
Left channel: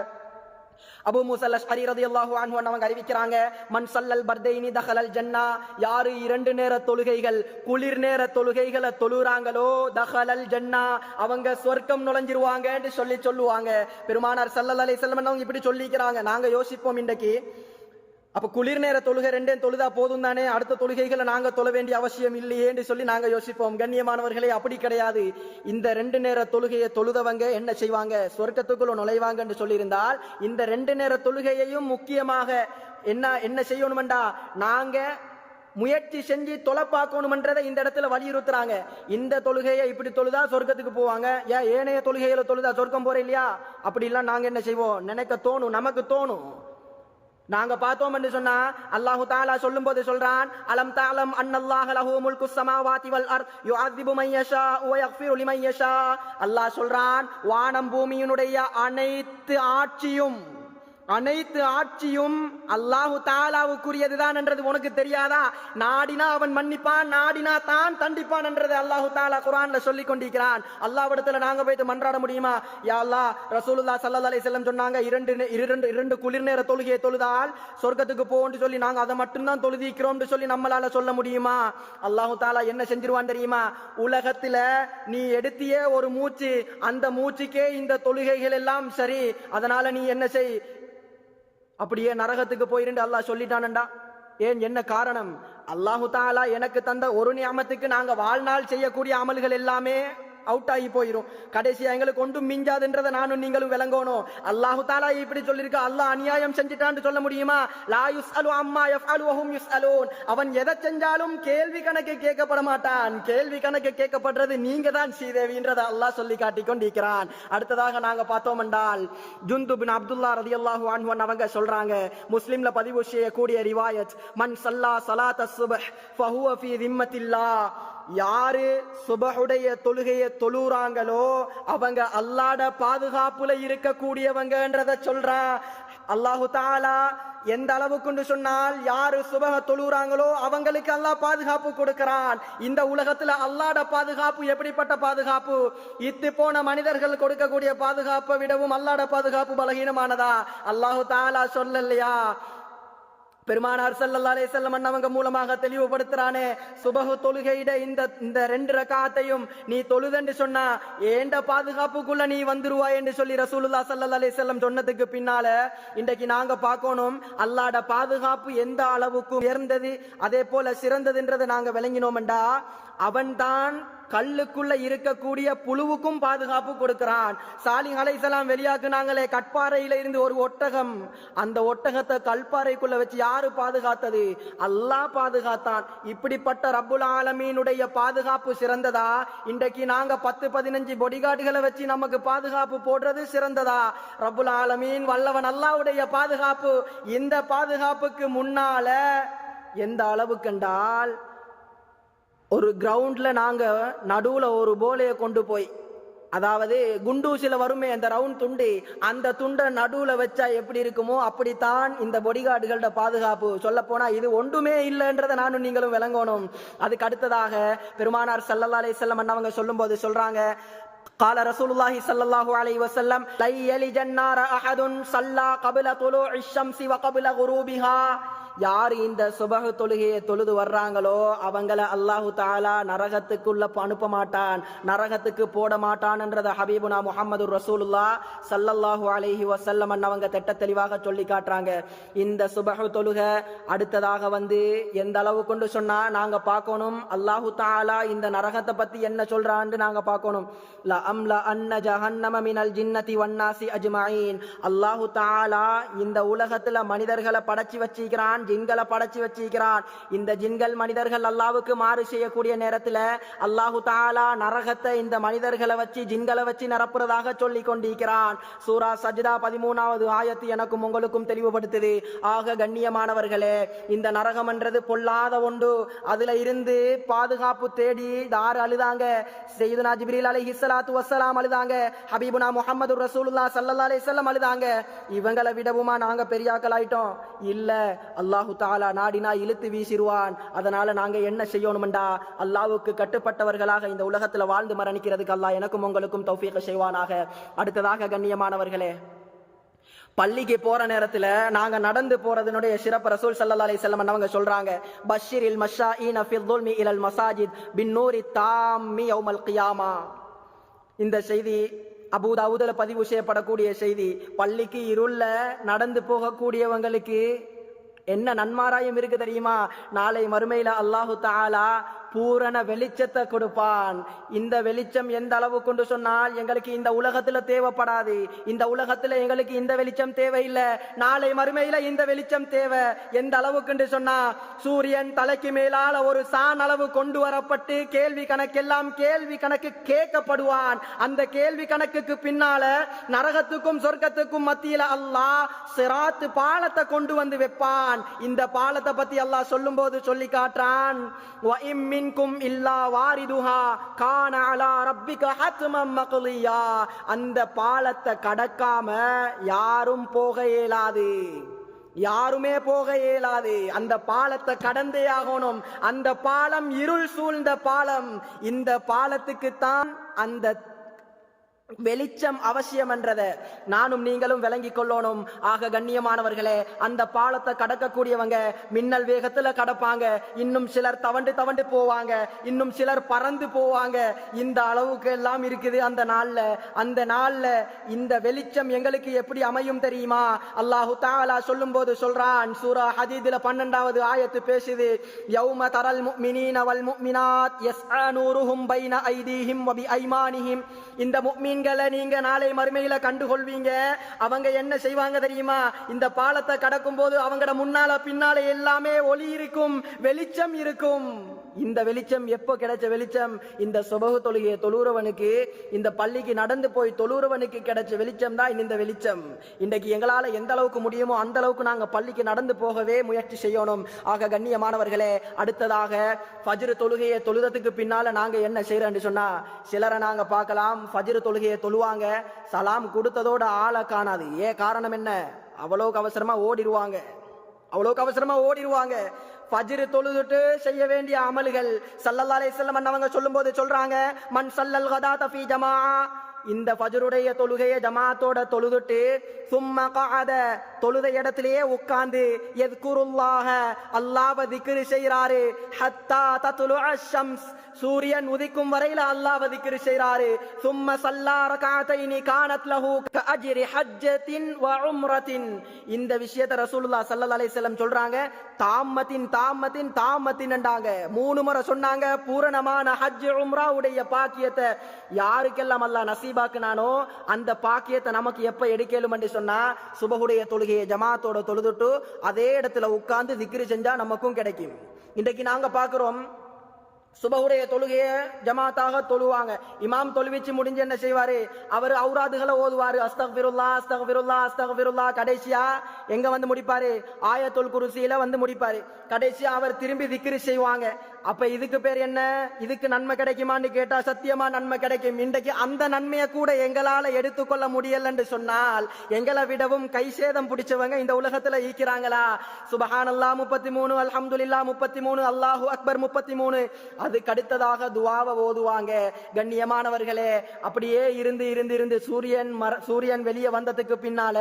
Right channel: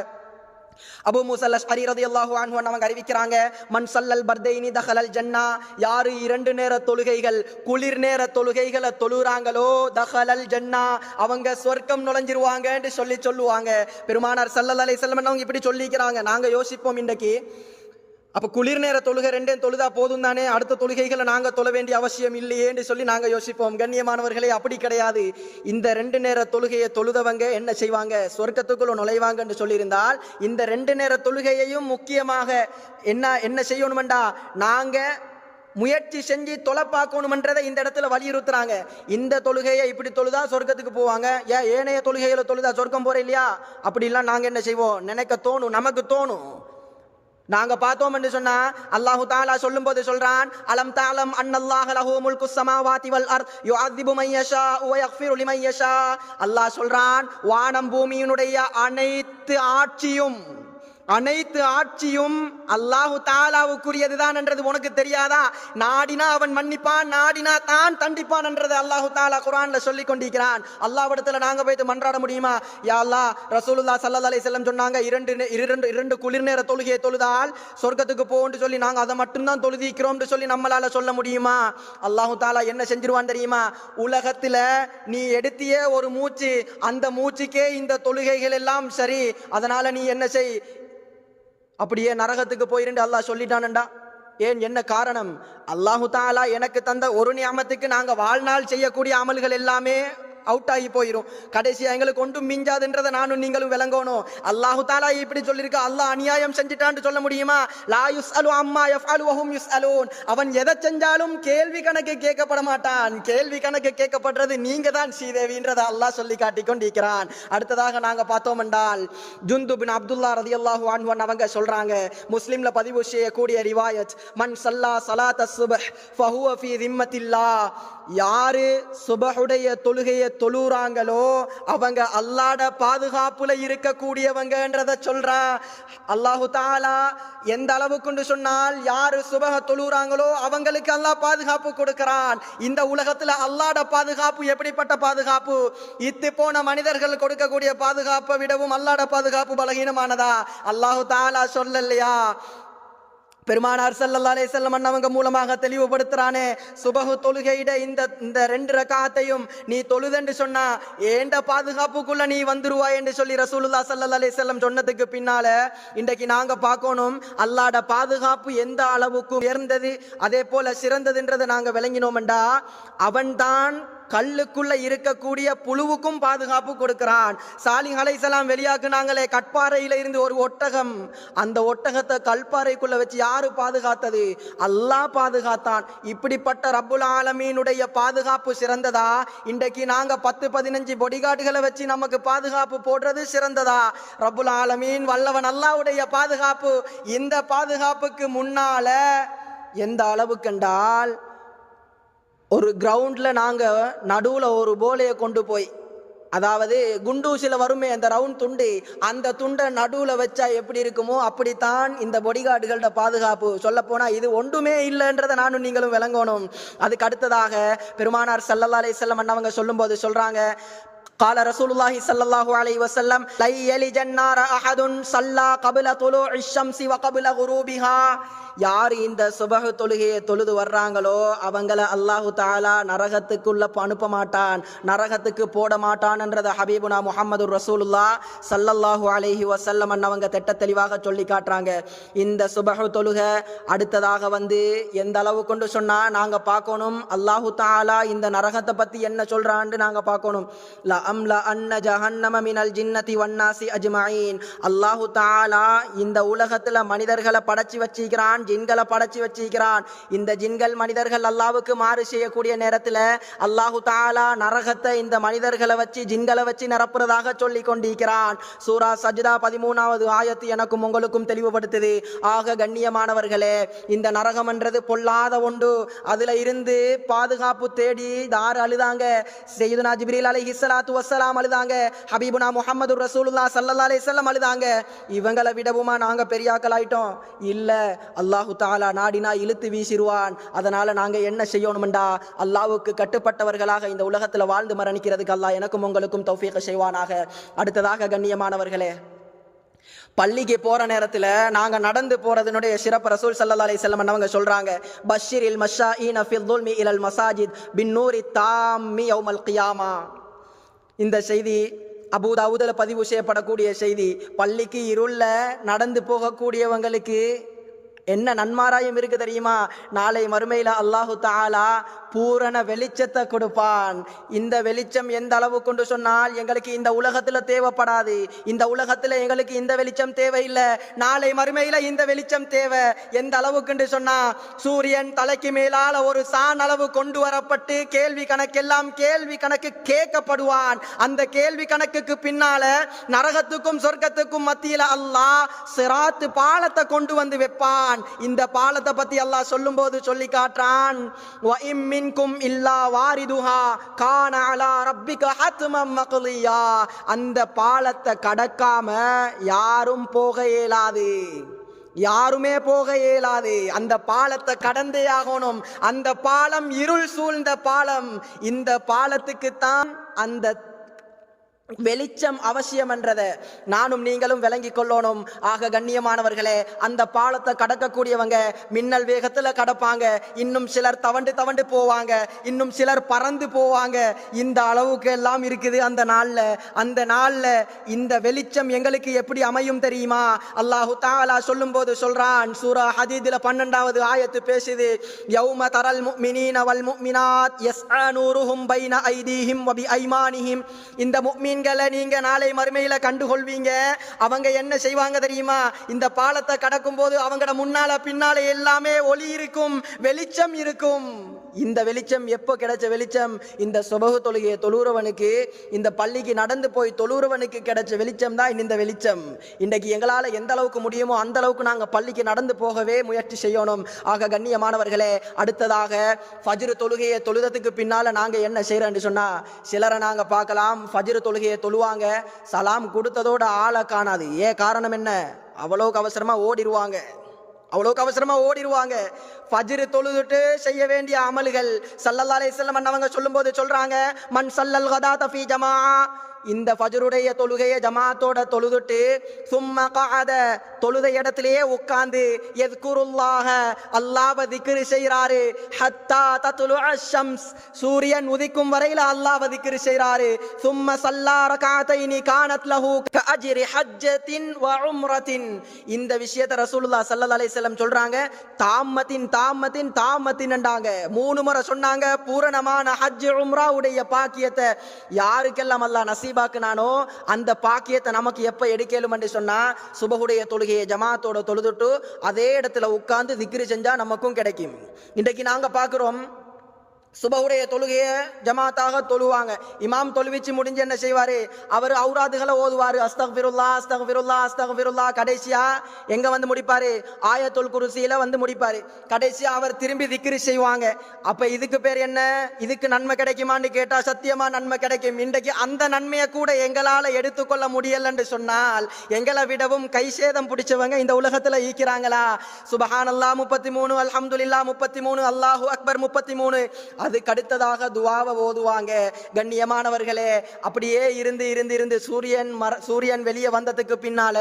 அபூ மூஸா அல்-அஷ்அரி ரலியல்லாஹு அன்ஹு அவங்க அறிவிக்கிறாங்க, மன் ஸல்லல் பர்தைனி தஹலல் ஜன்னா, யாரு 2 நேர தொழுகைகள் குளிர் நேர தொழுகைகளை தொழுறாங்களோ தஹலல் ஜன்னா, அவங்க சொர்க்கம் நுழைஞ்சிருவாங்கன்னு சொல்லுவாங்க. பெருமானார் ஸல்லல்லாஹு அலைஹி வஸல்லம் அவங்க இப்படி சொல்லிக்கிறாங்க. நாங்க யோசிப்போம், இன்றைக்கு அப்ப குளிர் நேர தொழுகை 2 தொழுதா போதும் தானே, அடுத்த தொழுகைகளை நாங்க தொழ வேண்டிய அவசியம் இல்லையேன்னு சொல்லி நாங்க யோசிப்போம். கண்ணியமானவர்களே, அப்படி கிடையாது. இந்த 2 நேர தொழுகையை தொழுதவங்க என்ன செய்வாங்க? சொர்க்கத்துக்குள்ள நுழைவாங்கன்னு சொல்லியிருந்தால், இந்த 2 நேர தொழுகையையும் முக்கியமாக என்ன செய்யணும்டா, நாங்க முயற்சி செஞ்சு தொலை பார்க்கணும்ன்றதை இந்த இடத்துல வலியுறுத்துறாங்க. இந்த தொழுகையை இப்படி தொழுதா சொர்க்கத்துக்கு போவாங்க, ஏன் ஏனைய தொழுகைகளை தொழுதா சொர்க்கம் போற இல்லையா? அப்படிலாம் நாங்க என்ன செய்வோம்? நினைக்க தோணும், நமக்கு தோணும். நாங்க பார்த்தோம் என்று சொன்னா அல்லாஹு தஆலா சொல்லும்போது சொல்றான், அலம் தஅலம் அன்னல்லாஹ லஹு முல்குஸ் ஸமாவாதி வல் அர்த் யுஅذிபு மன் யஷா வ யக்ஃபிரு லிமன் யஷா. அல்லாஹ் சொல்றான், வானம் பூமியினுடைய அனைத்து ஆட்சியும் அனைத்து ஆட்சியும் அல்லாஹு தாலாவுக்குரியதுதான் என்றது உனக்கு தெரியாதா? நாடினா அவன் மன்னிப்பான், நாடினா தான் தண்டிப்பான் என்றது அல்லாஹு தாலா குர்ஆன்ல சொல்லி கொண்டிருக்கிறான். அல்லாஹ்விடத்துல நாங்க போயிட்டு மன்றாட முடியுமா? யா அல்லாஹ், ரசூலுல்லாஹ் ஸல்லல்லாஹு அலைஹி வஸல்லம் சொன்னாங்க, இரண்டு குளிர் நேர தொழுகையை தொழுதால் சொர்க்கத்துக்கு போன்னு சொல்லி நாங்க அதை மட்டும்தான் தொழுதிக்கிறோம்னு சொல்லி நம்மளால சொல்ல முடியுமா? அல்லாஹு தாலா என்ன செஞ்சிருவான் தெரியுமா? உலகத்துல நீ எடுத்திய ஒரு மூச்சு, அந்த மூச்சுக்கே இந்த தொழுகைகள் எல்லாம் சரி, அதனால நீ என்ன செய், அப்படியே நரகத்துக்கு போயிருந்து அல்லாஹ் சொல்லிட்டானண்டா. ஏன், என்ன காரணம்? அல்லாஹு தாலா எனக்கு தந்த ஒரு நியமத்துக்கு நாங்க வாழ்நாள் செய்யக்கூடிய அமல்கள் எல்லாமே அவுட் ஆகி போயிரும். கடைசியா எங்களுக்கு ஒன்றும் மிஞ்சாதுன்றதை நானும் நீங்களும் விளங்கணும். அல்லாஹு தாலா இப்படி சொல்லியிருக்க, அல்லாஹ் அநியாயம் செஞ்சிட்டான்னு சொல்ல முடியுமா? லா யுஸ்அலு அம்மா யஃப்அலு வஹும் யுஸ்அலூன். அவன் எதை செஞ்சாலும் கேள்வி கணக்கு கேட்கப்பட மாட்டான். கேள்வி கணக்கு கேட்கப்படுறது நீங்க தான் ஸ்ரீதேவின்றதை அல்லாஹ் சொல்லி காட்டி கொண்டிருக்கிறான். அடுத்ததாக நாங்க பார்த்தோம் என்றால், ஜுந்து பின் அப்துல்லா ரலியல்லாஹு அன்ஹு அவங்க சொல்றாங்க, முஸ்லிம்ல பதிவு செய்யக்கூடிய ரிவாயத், மன் ஸல்லா ஸலாத்த ஸுப்ஹ் ஃபஹுவ ஃபீ திம்மத்தில்லாஹ். யாரு சுபஹுடைய தொழுகையை தொழுறாங்களோ அவங்க அல்லாஹ்ட பாதுகாப்புல இருக்கக்கூடியவங்கன்றத சொல்றான். அல்லாஹு தாலா எந்த அளவுக்கு சொன்னால், யாரு சுபஹ தொழுறாங்களோ அவங்களுக்கு அல்லாஹ் பாதுகாப்பு கொடுக்கிறான். இந்த உலகத்துல அல்லாஹ்ட பாதுகாப்பு எப்படிப்பட்ட பாதுகாப்பு? இத்து போன மனிதர்கள் கொடுக்கக்கூடிய பாதுகாப்பை விடவும் அல்லாஹ்ட பாதுகாப்பு பலகீனமானதா? அல்லாஹு தாலா சொல்லலையா? பெருமானார் ஸல்லல்லாஹு அலைஹி வஸல்லம் அவங்க மூலமாக தெளிவுபடுத்துறானே, சுபஹு தொழுகையிட இந்த 2 ரக்காத்தையும் நீ தொழுதென்று சொன்னா ஏண்ட பாதுகாப்புக்குள்ள நீ வந்துருவாய் என்று சொல்லி ரசூலுல்லாஹ் ஸல்லல்லாஹு அலைஹி வஸல்லம் சொன்னதுக்கு பின்னால இன்றைக்கு நாங்க பார்க்கணும், அல்லாஹ்ட பாதுகாப்பு எந்த அளவுக்கு உயர்ந்தது, அதே போல சிறந்ததுன்றதை நாங்க விளங்கினோம்டா, அவன்தான் கல்லுக்குள்ள இருக்கக்கூடிய புழுவுக்கும் பாதுகாப்பு கொடுக்கிறான். சாலிஹ் அலைஹிஸ்ஸலாம் வெளியாக்குனாங்களே கட்பாறையில இருந்து ஒரு ஒட்டகம், அந்த ஒட்டகத்தை கல்பாறைக்குள்ள வச்சு யாரு பாதுகாத்தது? அல்லாஹ் பாதுகாத்தான். இப்படிப்பட்ட ரப்புல் ஆலமீனுடைய பாதுகாப்பு சிறந்ததா? இன்றைக்கு நாங்க 10-15 பொடிகார்டுகளை வச்சு நமக்கு பாதுகாப்பு போடுறது சிறந்ததா? ரப்புல் ஆலமீன் வல்லவன் அல்லாஹ்வுடைய பாதுகாப்பு, இந்த பாதுகாப்புக்கு முன்னால எந்த அளவுக்கு என்றால், ஒரு கிரவுண்ட்ல நாங்க நடுவுல ஒரு போலையை கொண்டு போய், அதாவது குண்டூசில வருமே அந்த ரவுண்ட் துண்டு, அந்த துண்டை நடுவுல வச்சா எப்படி இருக்குமோ அப்படித்தான் இந்த பொடிகார்டுகளோட பாதுகாப்பு. சொல்ல போனா இது ஒன்றுமே இல்லைன்றதை நானும் நீங்களும் விளங்கணும். அதுக்கு அடுத்ததாக பெருமானார் ஸல்லல்லாஹு அலைஹி வஸல்லம் அவங்க சொல்லும்போது சொல்றாங்க, قال رسول الله صلى الله عليه وسلم لا يلج النار احد صلى قبل طلوع الشمس وقبل غروبها. யார் இந்த சுபஹ் தொழுகையை தொழுது வர்றாங்களோ அவங்கள அல்லாஹு தாலா நரகத்துக்குள்ள அனுப்ப மாட்டான், நரகத்துக்கு போட மாட்டான் என்றதை ஹபீபுனா முஹம்மது ரசூலுல்லாஹ் ஸல்லல்லாஹு அலைஹி வஸல்லம் அவங்க திட்ட தெளிவாக சொல்லி காட்டுறாங்க. இந்த சுபஹ் தொழுகை அடுத்ததாக எந்த அளவு கொண்டு சொன்னா நாங்க பார்க்கணும், அல்லாஹு தாலா இந்த நரகத்தை பத்தி என்ன சொல்றான்னு நாங்க பார்க்கணும். லா அம்லா அன்ன ஜஹன்னம மினல் ஜின்னதி வன்னாசி அஜ்மஈன். அல்லாஹு தாலா இந்த உலகத்துல மனிதர்களை படைச்சு வச்சிருக்கிறான், ஜின்களை படைச்சு வச்சிருக்கிறான். இந்த ஜின்கள் மனிதர்கள் அல்லாஹ்வுக்கு மாறு செய்யக்கூடிய நேரத்தில் அல்லாஹு தாலா நரகத்தை இந்த மனிதர்களை வச்சு ஜின்களை வச்சு நிரப்புறதாக சொல்லி கொண்டிருக்கிறான். சூரா சஜ்தா 13வது ஆயத்து எனக்கும் உங்களுக்கும் தெளிவுபடுத்துது. ஆக கண்ணியமானவர்களே, இந்த நரகம் என்றது பொல்லாத ஒன்று. அதுல இருந்து பாதுகாப்பு தேடி யார் அழுதாங்க? சையதுனா ஜிப்ரீல் அலைஹிஸ்ஸலாத்து வஸ்ஸலாம் அழுதாங்க, ஹபீபுனா முஹம்மது ரசூலுல்லாஹ் ஸல்லல்லாஹு அலைஹி வஸல்லம் அழுதாங்க. இவங்களை விடவுமா நாங்க பெரியாக்கள் ஆயிட்டோம்? இல்ல, அல்லாஹு தாலா நாடினா இழுத்து வீசிடுவான். அதனால நாங்க என்ன செய்யணும்டா, அல்லாஹ்வுக்கு கட்டுப்பட்டவர்களாக இந்த உலகத்துல வாழ்ந்து மரணிக்கிறதுக்கு அல்லாஹ் எனக்கும் உங்களுக்கும் தௌஃபீக் செய்வானாக. அடுத்ததாக கண்ணியமானவர்களே, பள்ளிக்கு போற நேரத்துல நாங்க நடந்து போறதனுடைய சிறப்பு ரசூல் ஸல்லல்லாஹு அலைஹி வஸல்லம் அவங்க சொல்றாங்க, பஷ்ஷிரில் மஷாஈன ஃபில் துல்மி இலல் மசாஜித் பின்னூரி தாம்மி யௌமல் கியாமா. இந்த செய்தி அபூ தாவூதுல பதிவு செய்யப்படக்கூடிய செய்தி. பள்ளிக்கு இருள்ல நடந்து போகக்கூடியவங்களுக்கு என்ன நன்மாராயம் இருக்கு தெரியுமா? நாளை மறுமையில அல்லாஹு தாலா பூரண வெளிச்சத்தை கொடுப்பான். இந்த வெளிச்சம் எந்த அளவு கொண்டு சொன்னால், எங்களுக்கு இந்த உலகத்துல தேவைப்படாது, இந்த உலகத்துல எங்களுக்கு இந்த வெளிச்சம் தேவையில்லை, நாளை மறுமையில இந்த வெளிச்சம் தேவை. எந்த அளவுக்கு சொன்னா, சூரியன் தலைக்கு மேலால ஒரு சான் அளவு கொண்டு வரப்பட்டு கேள்வி கணக்கு கேட்கப்படுவான். அந்த கேள்வி கணக்குக்கு பின்னால நரகத்துக்கும் சொர்க்கத்துக்கும் மத்தியில அல்லாஹ் சிராத் பாலத்தை கொண்டு வந்து வைப்பான். சொல்றான். இந்த பாலத்தை பத்தி அல்லாஹ் சொல்லும் போது சொல்லி காட்டுறான், வ இம் மின்கும் இல்லா வாரிதுஹா கான அலா ரப்பிக ஹத்மம் மக்லியா. அந்த பாலத்தை கடக்காம யாரும் போக இயலாது, யாருமே போக இயலாது. அந்த பாலத்தை கடந்தே ஆகணும். அந்த பாலம் இருள் சூழ்ந்த பாலம். இந்த பாலத்துக்குத்தான் அந்த வெளிச்சம் அவசியம் என்றதை நானும் நீங்களும் விளங்கி கொள்ளணும். ஆக கண்ணியமானவர்களே, அந்த பாலத்தை கடக்கக்கூடியவங்க மின்னல் வேகத்துல கடப்பாங்க, இன்னும் சிலர் தவண்டு தவண்டு போவாங்க, இன்னும் சிலர் பறந்து போவாங்க. இந்த அளவுக்கு எல்லாம் இருக்குது அந்த நாள்ல இந்த வெளிச்சம் எங்களுக்கு எப்படி அமையும் தெரியுமா? அல்லாஹு தஆலா சொல்லும் போது சொல்றான், சூரா ஹதீதுல 12வது ஆயத்து பேசுது, யௌம தரல் முஃமினீன வல் முஃமினாத் யஸ்ஆ நூருஹும் பைன ஐதீஹிம் வ பிஐமானிஹிம். இந்த முஃமின்களை நீங்க நாளை மறுமையில கண்டுகொள்வீங்க. அவங்க என்ன செய்வாங்க தெரியுமா? இந்த பாலத்தை கடக்கும் போது அவங்களோட முன்னால பின்னால எல்லாமே ஒளி இருக்கும், வெளிச்சம் இருக்கும். இந்த வெளிச்சம் எப்போ கிடைச்ச வெளிச்சம்? இந்த சுபஹ் தொழுகையை தொழுறவனுக்கு, இந்த பள்ளிக்கு நடந்து போய் தொழுறவனுக்கு கிடைச்ச வெளிச்சம் தான் இந்த வெளிச்சம். இன்றைக்கு எங்களால் எந்த அளவுக்கு முடியுமோ அந்த அளவுக்கு நாங்கள் பள்ளிக்கு நடந்து போகவே முயற்சி செய்யணும். ஆக கண்ணியமானவர்களே, அடுத்ததாக ஃபஜ்ர் தொழுகையை தொழுதத்துக்கு பின்னால நாங்கள் என்ன செய்யறோம்னு சொன்னா, சிலரை நாங்கள் பார்க்கலாம், ஃபஜ்ர் தொழுகையை தொழுவாங்க, சலாம் கொடுத்ததோட ஆளை காணாது. ஏன் காரணம் என்ன? அவ்வளோக்கு அவசரமா ஓடிடுவாங்க. ஃபஜ்ர் தொழுதுட்டு செய்ய வேண்டிய அமல்கள் ஸல்லல்லாஹு அலைஹி வஸல்லம் அவங்க சொல்லும்போது சொல்றாங்க, மன் ஸல்லல் கதாத ஃபீ ஜமாஅ. இந்த ஃபஜ்ருடைய தொழுகையை ஜமாத்தோட தொழுதுட்டு சும்ம கஅத, தொழுத இடத்திலேயே உட்கார்ந்து யذ்குருல்லாஹ, அல்லாஹ்வை திக்ர் செய்றாரு, ஹத்தா தத்லுஅ ஷம்ஸ், சூரியன் உதிக்கும் வரையில அல்லாஹ்வை திக்ர் செய்றாரு. சும்ம ஸல்லா ரகஅத்தைனி கானத் லஹு கஅஜ்ரி ஹஜ்ஜத்தின் வ உம்ரத்தின். இந்த விஷயத்தை ரசூலுல்லாஹ் ஸல்லல்லாஹு அலைஹி வஸல்லம் சொல்றாங்க, தாமத்தின் என்றாங்க. 3 முறை சொன்னாங்க. பூரணமான ஹஜ் உம்ரா உடைய பாக்கியத்தை யாருக்கெல்லாம் அல்லாஹ் நசீபாக்குனானோ அந்த பாக்கியத்தை நமக்கு எப்ப எடுக்கலும் என்று சொன்னா, சுபஹுடைய தொழுகையை ஜமாத்தோட தொழுதுட்டு அதே இடத்துல உட்கார்ந்து திக்ரு செஞ்சா நமக்கும் கிடைக்கும். இன்றைக்கு நாங்க பார்க்கிறோம், சுபஹுடைய தொழுகையை ஜமாத்தாக தொழுவாங்க. இமாம் தொழுவிச்சு முடிஞ்சு என்ன செய்வாரு? அவர் ஔராதுகளை ஓதுவாரு, அஸ்தக்ஃபிருல்லாஹ் அஸ்தக்ஃபிருல்லாஹ் அஸ்தக்ஃபிருல்லாஹ். கடைசியா எங்க வந்து முடிப்பாரு? ஆயத்துல் குர்சியில வந்து முடிப்பாரு. கடைசியா அவர் திரும்பி திக்ரு செய்வாங்க. அப்ப இதுக்கு பேர் என்ன? இதுக்கு நன்மை கிடைக்குமான்னு கேட்டா சத்தியமா நன்மை கிடைக்கும். இன்றைக்கு அந்த நன்மையை கூட எங்களால எடுத்துக்கொள்ள முடியல என்று சொன்னால், எங்களை விடவும் கை சேதம் பிடிச்சவங்க இந்த உலகத்துல ஈக்கிறாங்களா? சுபஹானல்லாஹ் 33, அல்ஹம்துலில்லாஹ் 33, அல்லாஹு அக்பர் 33. அதுக்கு அடுத்ததாக துஆவை ஓதுவாங்க. கண்ணியமானவர்களே, அப்படியே இருந்து சூரியன் வெளியே வந்ததுக்கு பின்னால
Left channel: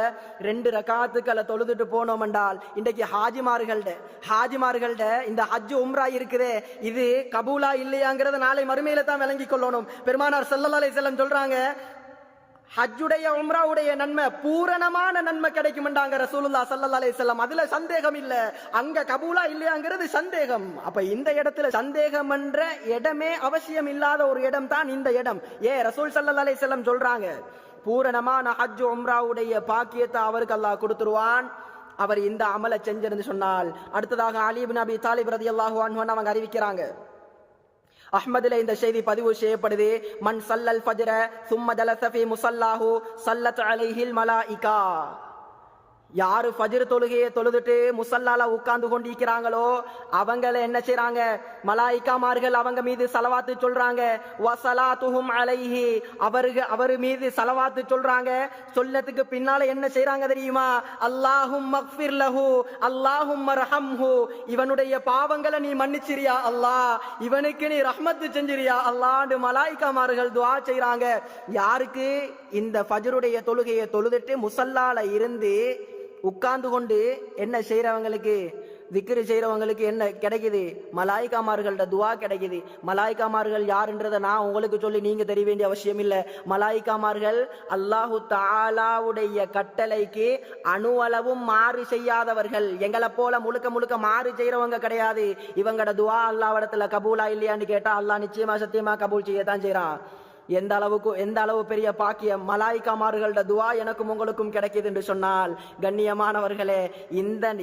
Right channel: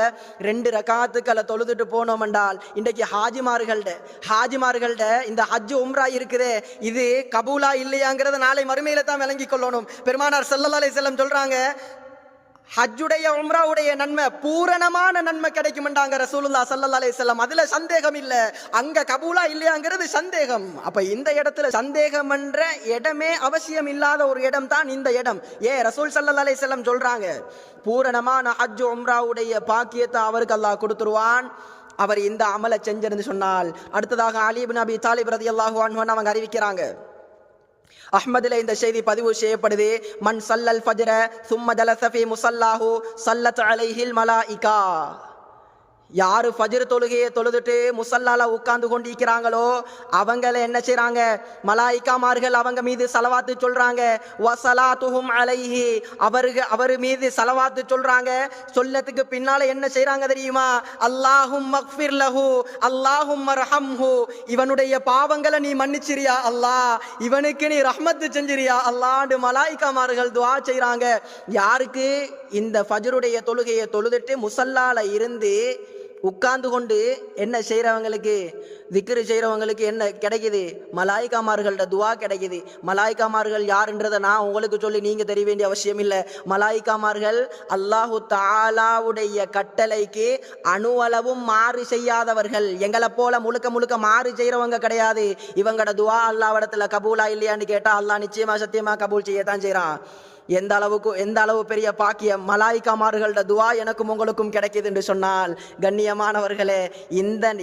2 ரகாத்துக்களை தொழுதுட்டு போனோம் என்றால், இன்றைக்கு ஹாஜிமார்கள்ட இந்த ஹஜ் உம்ரா இருக்குதே, இது கபூலா இல்லையாங்கிறத நாளை மறுமையில தான் விளங்கி கொள்ளணும். பெருமானார் ஸல்லல்லாஹு அலைஹி வஸல்லம் சொல்றாங்க, ஹஜ்ஜுடைய உம்ராவுடைய நன்மை பூரணமான நன்மை கிடைக்கும்ன்றாங்க ரசூலுல்லாஹ் ஸல்லல்லாஹு அலைஹி வஸல்லம். அதுல சந்தேகம் இல்ல. அங்க கபூலா இல்லையாங்கிறது சந்தேகம். அப்ப இந்த இடத்துல சந்தேகம் என்ற இடமே அவசியம் இல்லாத ஒரு இடம் தான் இந்த இடம். ரசூல் ஸல்லல்லாஹு அலைஹி வஸல்லம் சொல்றாங்க, பூரணமான ஹஜ் உம்ராவுடைய பாக்கியத்தை அவருக்கு அல்லாஹ் கொடுத்துருவான், அவர் இந்த அமலை செஞ்சிருந்து சொன்னால். அடுத்ததாக அலி இப்னு அபி தாலிப் ரலியல்லாஹு அன்ஹு அவங்க அறிவிக்கிறாங்க, அஹ்மதில இந்த செய்தி பதிவு செய்யப்படுது, மன் ஸல்லல் ஃபஜ்ர சும்ம ஜலஸ ஃபீ முஸல்லாஹு ஸல்லத் அலைஹில் மலாயிகா. யாரு ஃபஜ்ர் தொழுகையை தொழுதுட்டு முசல்லால உட்கார்ந்து கொண்டிருக்கிறாங்களோ அவங்கள என்ன செய்றாங்க? மலாயிகாமார்கள் அவங்க மீது ஸலவாத்து சொல்றாங்க. வஸலாத்துஹும் அலைஹி, அவர் மீது ஸலவாத்து சொல்றாங்க. சொல்லத்துக்கு பின்னால என்ன செய்றாங்க தெரியுமா? அல்லாஹும்ம ஃக்ஃபிர் லஹு அல்லாஹும்ம ரஹம்ஹு, இவனுடைய பாவங்களை நீ மன்னிச்சிரியா அல்லாஹ், இவனுக்கு நீ ரஹ்மத் செஞ்சிரியா அல்லாஹ்னு மலாயிகாமார்கள் துஆ செய்றாங்க. யாருக்கு? இந்த ஃபஜ்ருடைய தொழுகையை தொழுதுட்டு முசல்லால இருந்து உட்கார்ந்து கொண்டு என்ன செய்யறவங்களுக்கு, திக்ரு செய்யறவங்களுக்கு என்ன கிடைக்குது? மலாயிகாமார்கள்ட துஆ கிடைக்குது. மலாயிகாமார்கள் யாருன்றதை நான் உங்களுக்கு சொல்லி நீங்க தெரிய வேண்டிய அவசியம் இல்லை. மலாயிகாமார்கள் அல்லாஹு தஆலாவுடைய கட்டளைக்கு அணுவளவும் மாறு செய்யாதவர்கள். எங்களை போல முழுக்க மாறு செய்யறவங்க கிடையாது. இவங்களோட துஆ அல்லாஹ்விடத்துல கபூலா இல்லையான்னு கேட்டா அல்லாஹ் நிச்சயமா சத்தியமா கபூல் செய்யத்தான் செய்யறான். எந்த அளவு பெரிய பாக்கியம் மலாயிக்காமார்களோட துவா எனக்கும் உங்களுக்கும் கிடைக்குது என்று சொன்னால், கண்ணியமானவர்களே,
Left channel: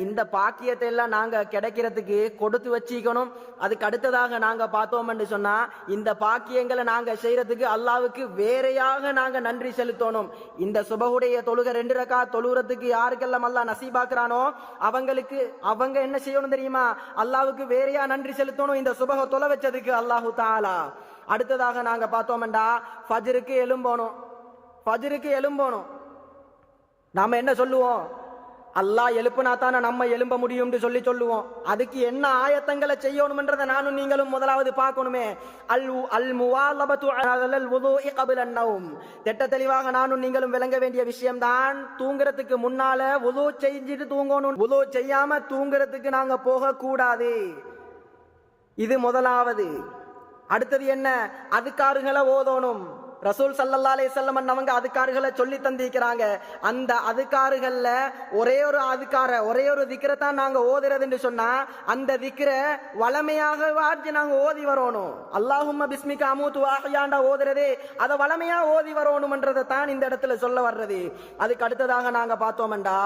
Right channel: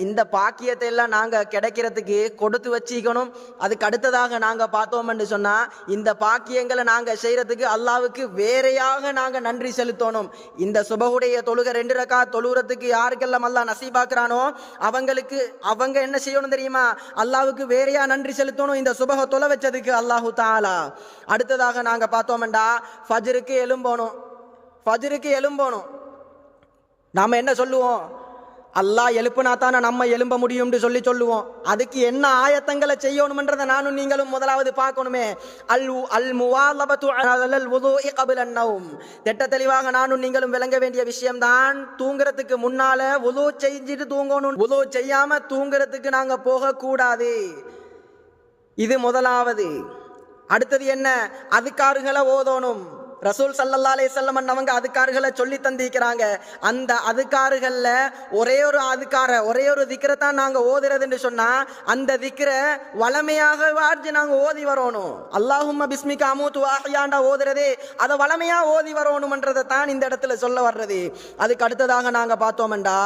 இந்த பாக்கியத்தை எல்லாம் நாங்க கிடைக்கிறதுக்கு கொடுத்து வச்சிக்கணும். அதுக்கு அடுத்ததாக நாங்க பார்த்தோம் என்று சொன்னா, இந்த பாக்கியங்களை நாங்க செய்யறதுக்கு அல்லாவுக்கு வேறையாக நாங்க நன்றி செலுத்தணும். இந்த சுபஹுடைய தொழுகை 2 ரக்காத் தொழுகிறதுக்கு யாருக்கெல்லாம் அல்லாஹ் நசீபாக்குறானோ அவங்க என்ன செய்யணும் தெரியுமா? அல்லாவுக்கு வேறையா நன்றி செலுத்தணும் இந்த சுபஹ தொலை வச்சதுக்கு அல்லாஹு தஆலா. அடுத்ததாக நாங்க பார்த்தோம்டா, ஃபஜ்ருக்கு எழும்பணும். நாம என்ன சொல்லுவோம்? அல்லாஹ் எழுப்புனா தானே நம்ம எழும்ப முடியும்னு சொல்லுவோம். அதுக்கு என்ன ஆயத்தங்களை செய்யணும்ன்றதை நானும் நீங்களும் முதலாவது பார்க்கணுமே. அல் முவாலபத்து அலல் வுதுஇ கப்ல அன்-நௌம். திட்ட தெளிவாக நானும் நீங்களும் விளங்க வேண்டிய விஷயம்தான், தூங்குறதுக்கு முன்னால வுது செஞ்சுட்டு தூங்கணும். வுது செய்யாம தூங்குறதுக்கு நாங்க போக கூடாது. இது முதலாவது. அடுத்தது என்ன? அதுக்காறுகளை ஓதணும். ரசூல் ஸல்லல்லாஹு அலைஹி வஸல்லம் அவங்க அதுக்காறுகளை சொல்லி தந்திருக்கிறாங்க. அந்த அதுக்காறுகள்ல ஒரே ஒரு திக்ரை தான் நாங்க ஓதுறதுன்னு சொன்னா, அந்த திக்ரை வளமையாக நாங்க ஓதி வரணும். அல்லாஹும்ம பிஸ்மிக அமூது வ அஹ்யாண்டா ஓதுறதே அதை வளமையா ஓதி வரணும்ன்றதை தான் இந்த இடத்துல சொல்ல வர்றது. அதுக்கு அடுத்ததாக நாங்க பார்த்தோம்டா,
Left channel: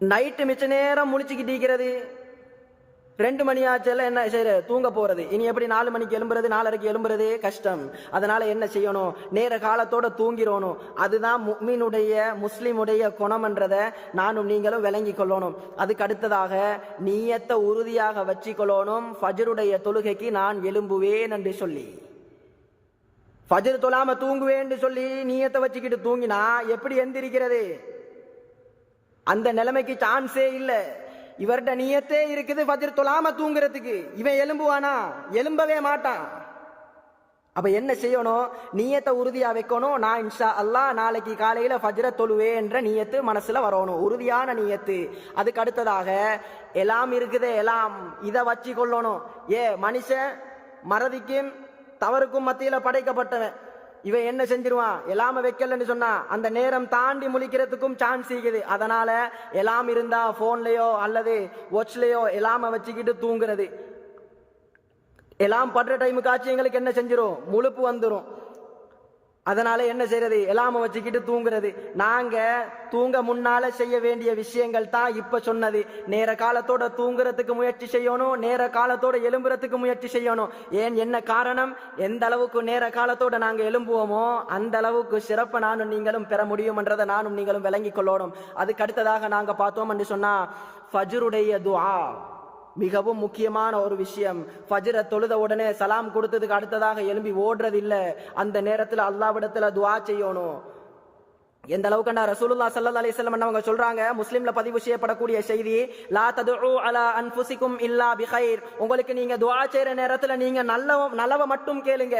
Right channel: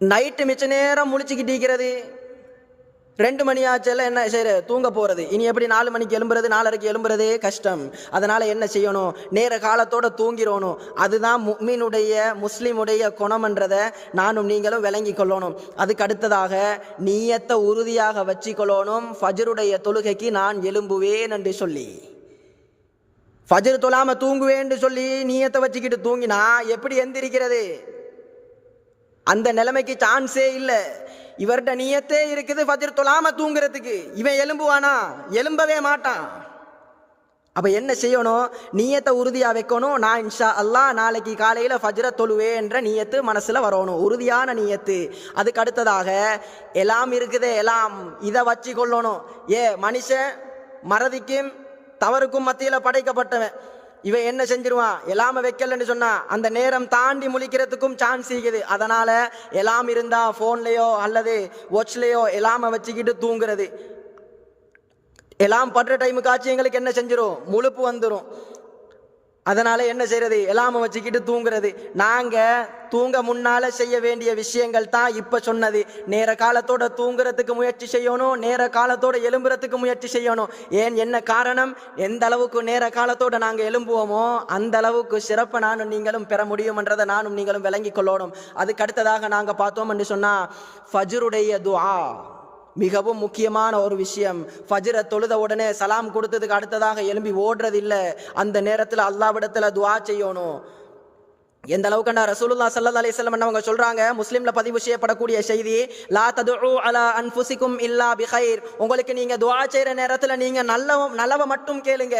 நைட்டு மிச்ச நேரம் முழிச்சுக்கிட்டு இருக்கிறது. 2 மணி ஆச்சல என்ன செய்யற? தூங்க போறது. இனி எப்படி 4 மணிக்கு எழும்புறது? 4:30க்கு எழும்புறதே கஷ்டம். அதனால என்ன செய்யணும்? நேர காலத்தோட தூங்கிடணும். அதுதான் முஸ்லிமுடைய குணம்ன்றதை நானும் நீங்களும் விளங்கி கொள்ளணும். அதுக்கு அடுத்ததாக நீயத்தை உறுதியாக வச்சுக்கொள்ளணும். ஃபஜ்ருடைய தொழுகைக்கு நான் எழும்புவேன் என்று சொல்லி, ஃபஜ்ர் தொழாம தூங்குவேன் சொல்லி நீயத்தை வச்சுக்கிட்டு தூங்கினா எப்படி எந்திரிக்கிறது? அந்த நிலைமைக்கு சான்ஸே இல்லை. இவர்கிட்ட நியத்தே இருக்குது ஃபஜ்ர் தொழாம தூங்குறதுக்கு, இவன் எழும்புவானா? எழும்பவே மாட்டான். அப்ப என்ன செய்யணும்? நியத்தை உறுதியா வைக்கணும். நான் இன்ஷா அல்லாஹ் நாளைக்கு காலையில ஃபஜ்ர தொழுவேன் என்ற நியத்து மனசுல வரணும், உறுதியான நியத்து. அதுக்கு அடுத்ததாக எல்லாம் இருக்குது, எல்லாம் இதை வச்சு கொள்ளணும். மனுஷன் மறதிக்கும் தவறுக்கும் மத்தியில படைக்கப்பட்டவன். இவன் என்ன செஞ்சிருவான்? எல்லாம வைக்கலன்னு சொன்னா அந்த நேரம் தாண்டி முழிக்கிறதுக்கும் சான்ஸ் இருக்குது. அதனால எல்லாம் இருந்தா போன்லயோ அல்லது வாட்ச்லயோ எல்லாம வச்சுக்கிட்டு தூங்குறது. எல்லாம் படுற டைமுக்கு ஆச்சு எங்களுக்கு என்ன செஞ்சிரும்? முழுப்பு வந்துடும். அதனால என்ன செய்யறது? எல்லாம வச்சுக்கிட்டு தூங்குறது. நாங்க தூங்க முன்னால செய்ய வேண்டிய விஷயங்கள் தான் இப்ப சொன்னது. நேர காலத்தோட தூங்குறதுக்கு முயற்சி செய்யணும், நேர காலத்தோட எழும்புறதுக்கு முயற்சி செய்யணும். என்ன காரணம்? எந்த அளவுக்கு நேர காலத்தோட நாங்க எழும்புவோமோ அந்த அளவுக்கு சிறப்பை நானும் நீங்களும் பெற முடியும்ன்றதை நானும் நீங்களும் விளங்கி கொள்ளணும். அதுக்கு அடுத்ததாக நாங்க பார்த்தோம் என்று சொன்னா, ஃபஜ்ருடைய துஆ மிகவும் முக்கியமான ஒரு விஷயம். ஃபஜ்ர தொழுத உடனே சலாம் கொடுத்ததுக்கு அடுத்ததாக எழும்பி ஓடுறது இல்லை. அந்த நேரத்தில் அல்லாஹ்விடத்துல துஆ செய்யணும். எந்த அளவுக்குன்னா ரசூலுல்லாஹ் ஸல்லல்லாஹு அலைஹி வஸல்லம் அவங்க சொல்றாங்க, முஸ்லிம்ல பதிவு செய்யப்படக்கூடிய செய்தி, லா ததுஉ அலா அன்ஃபுசிகும் இல்லா பிகைர். உங்களுக்கு நீங்க துஆ செய்யற நேரத்துல நீங்க நல்லவ மட்டும் கேளுங்க.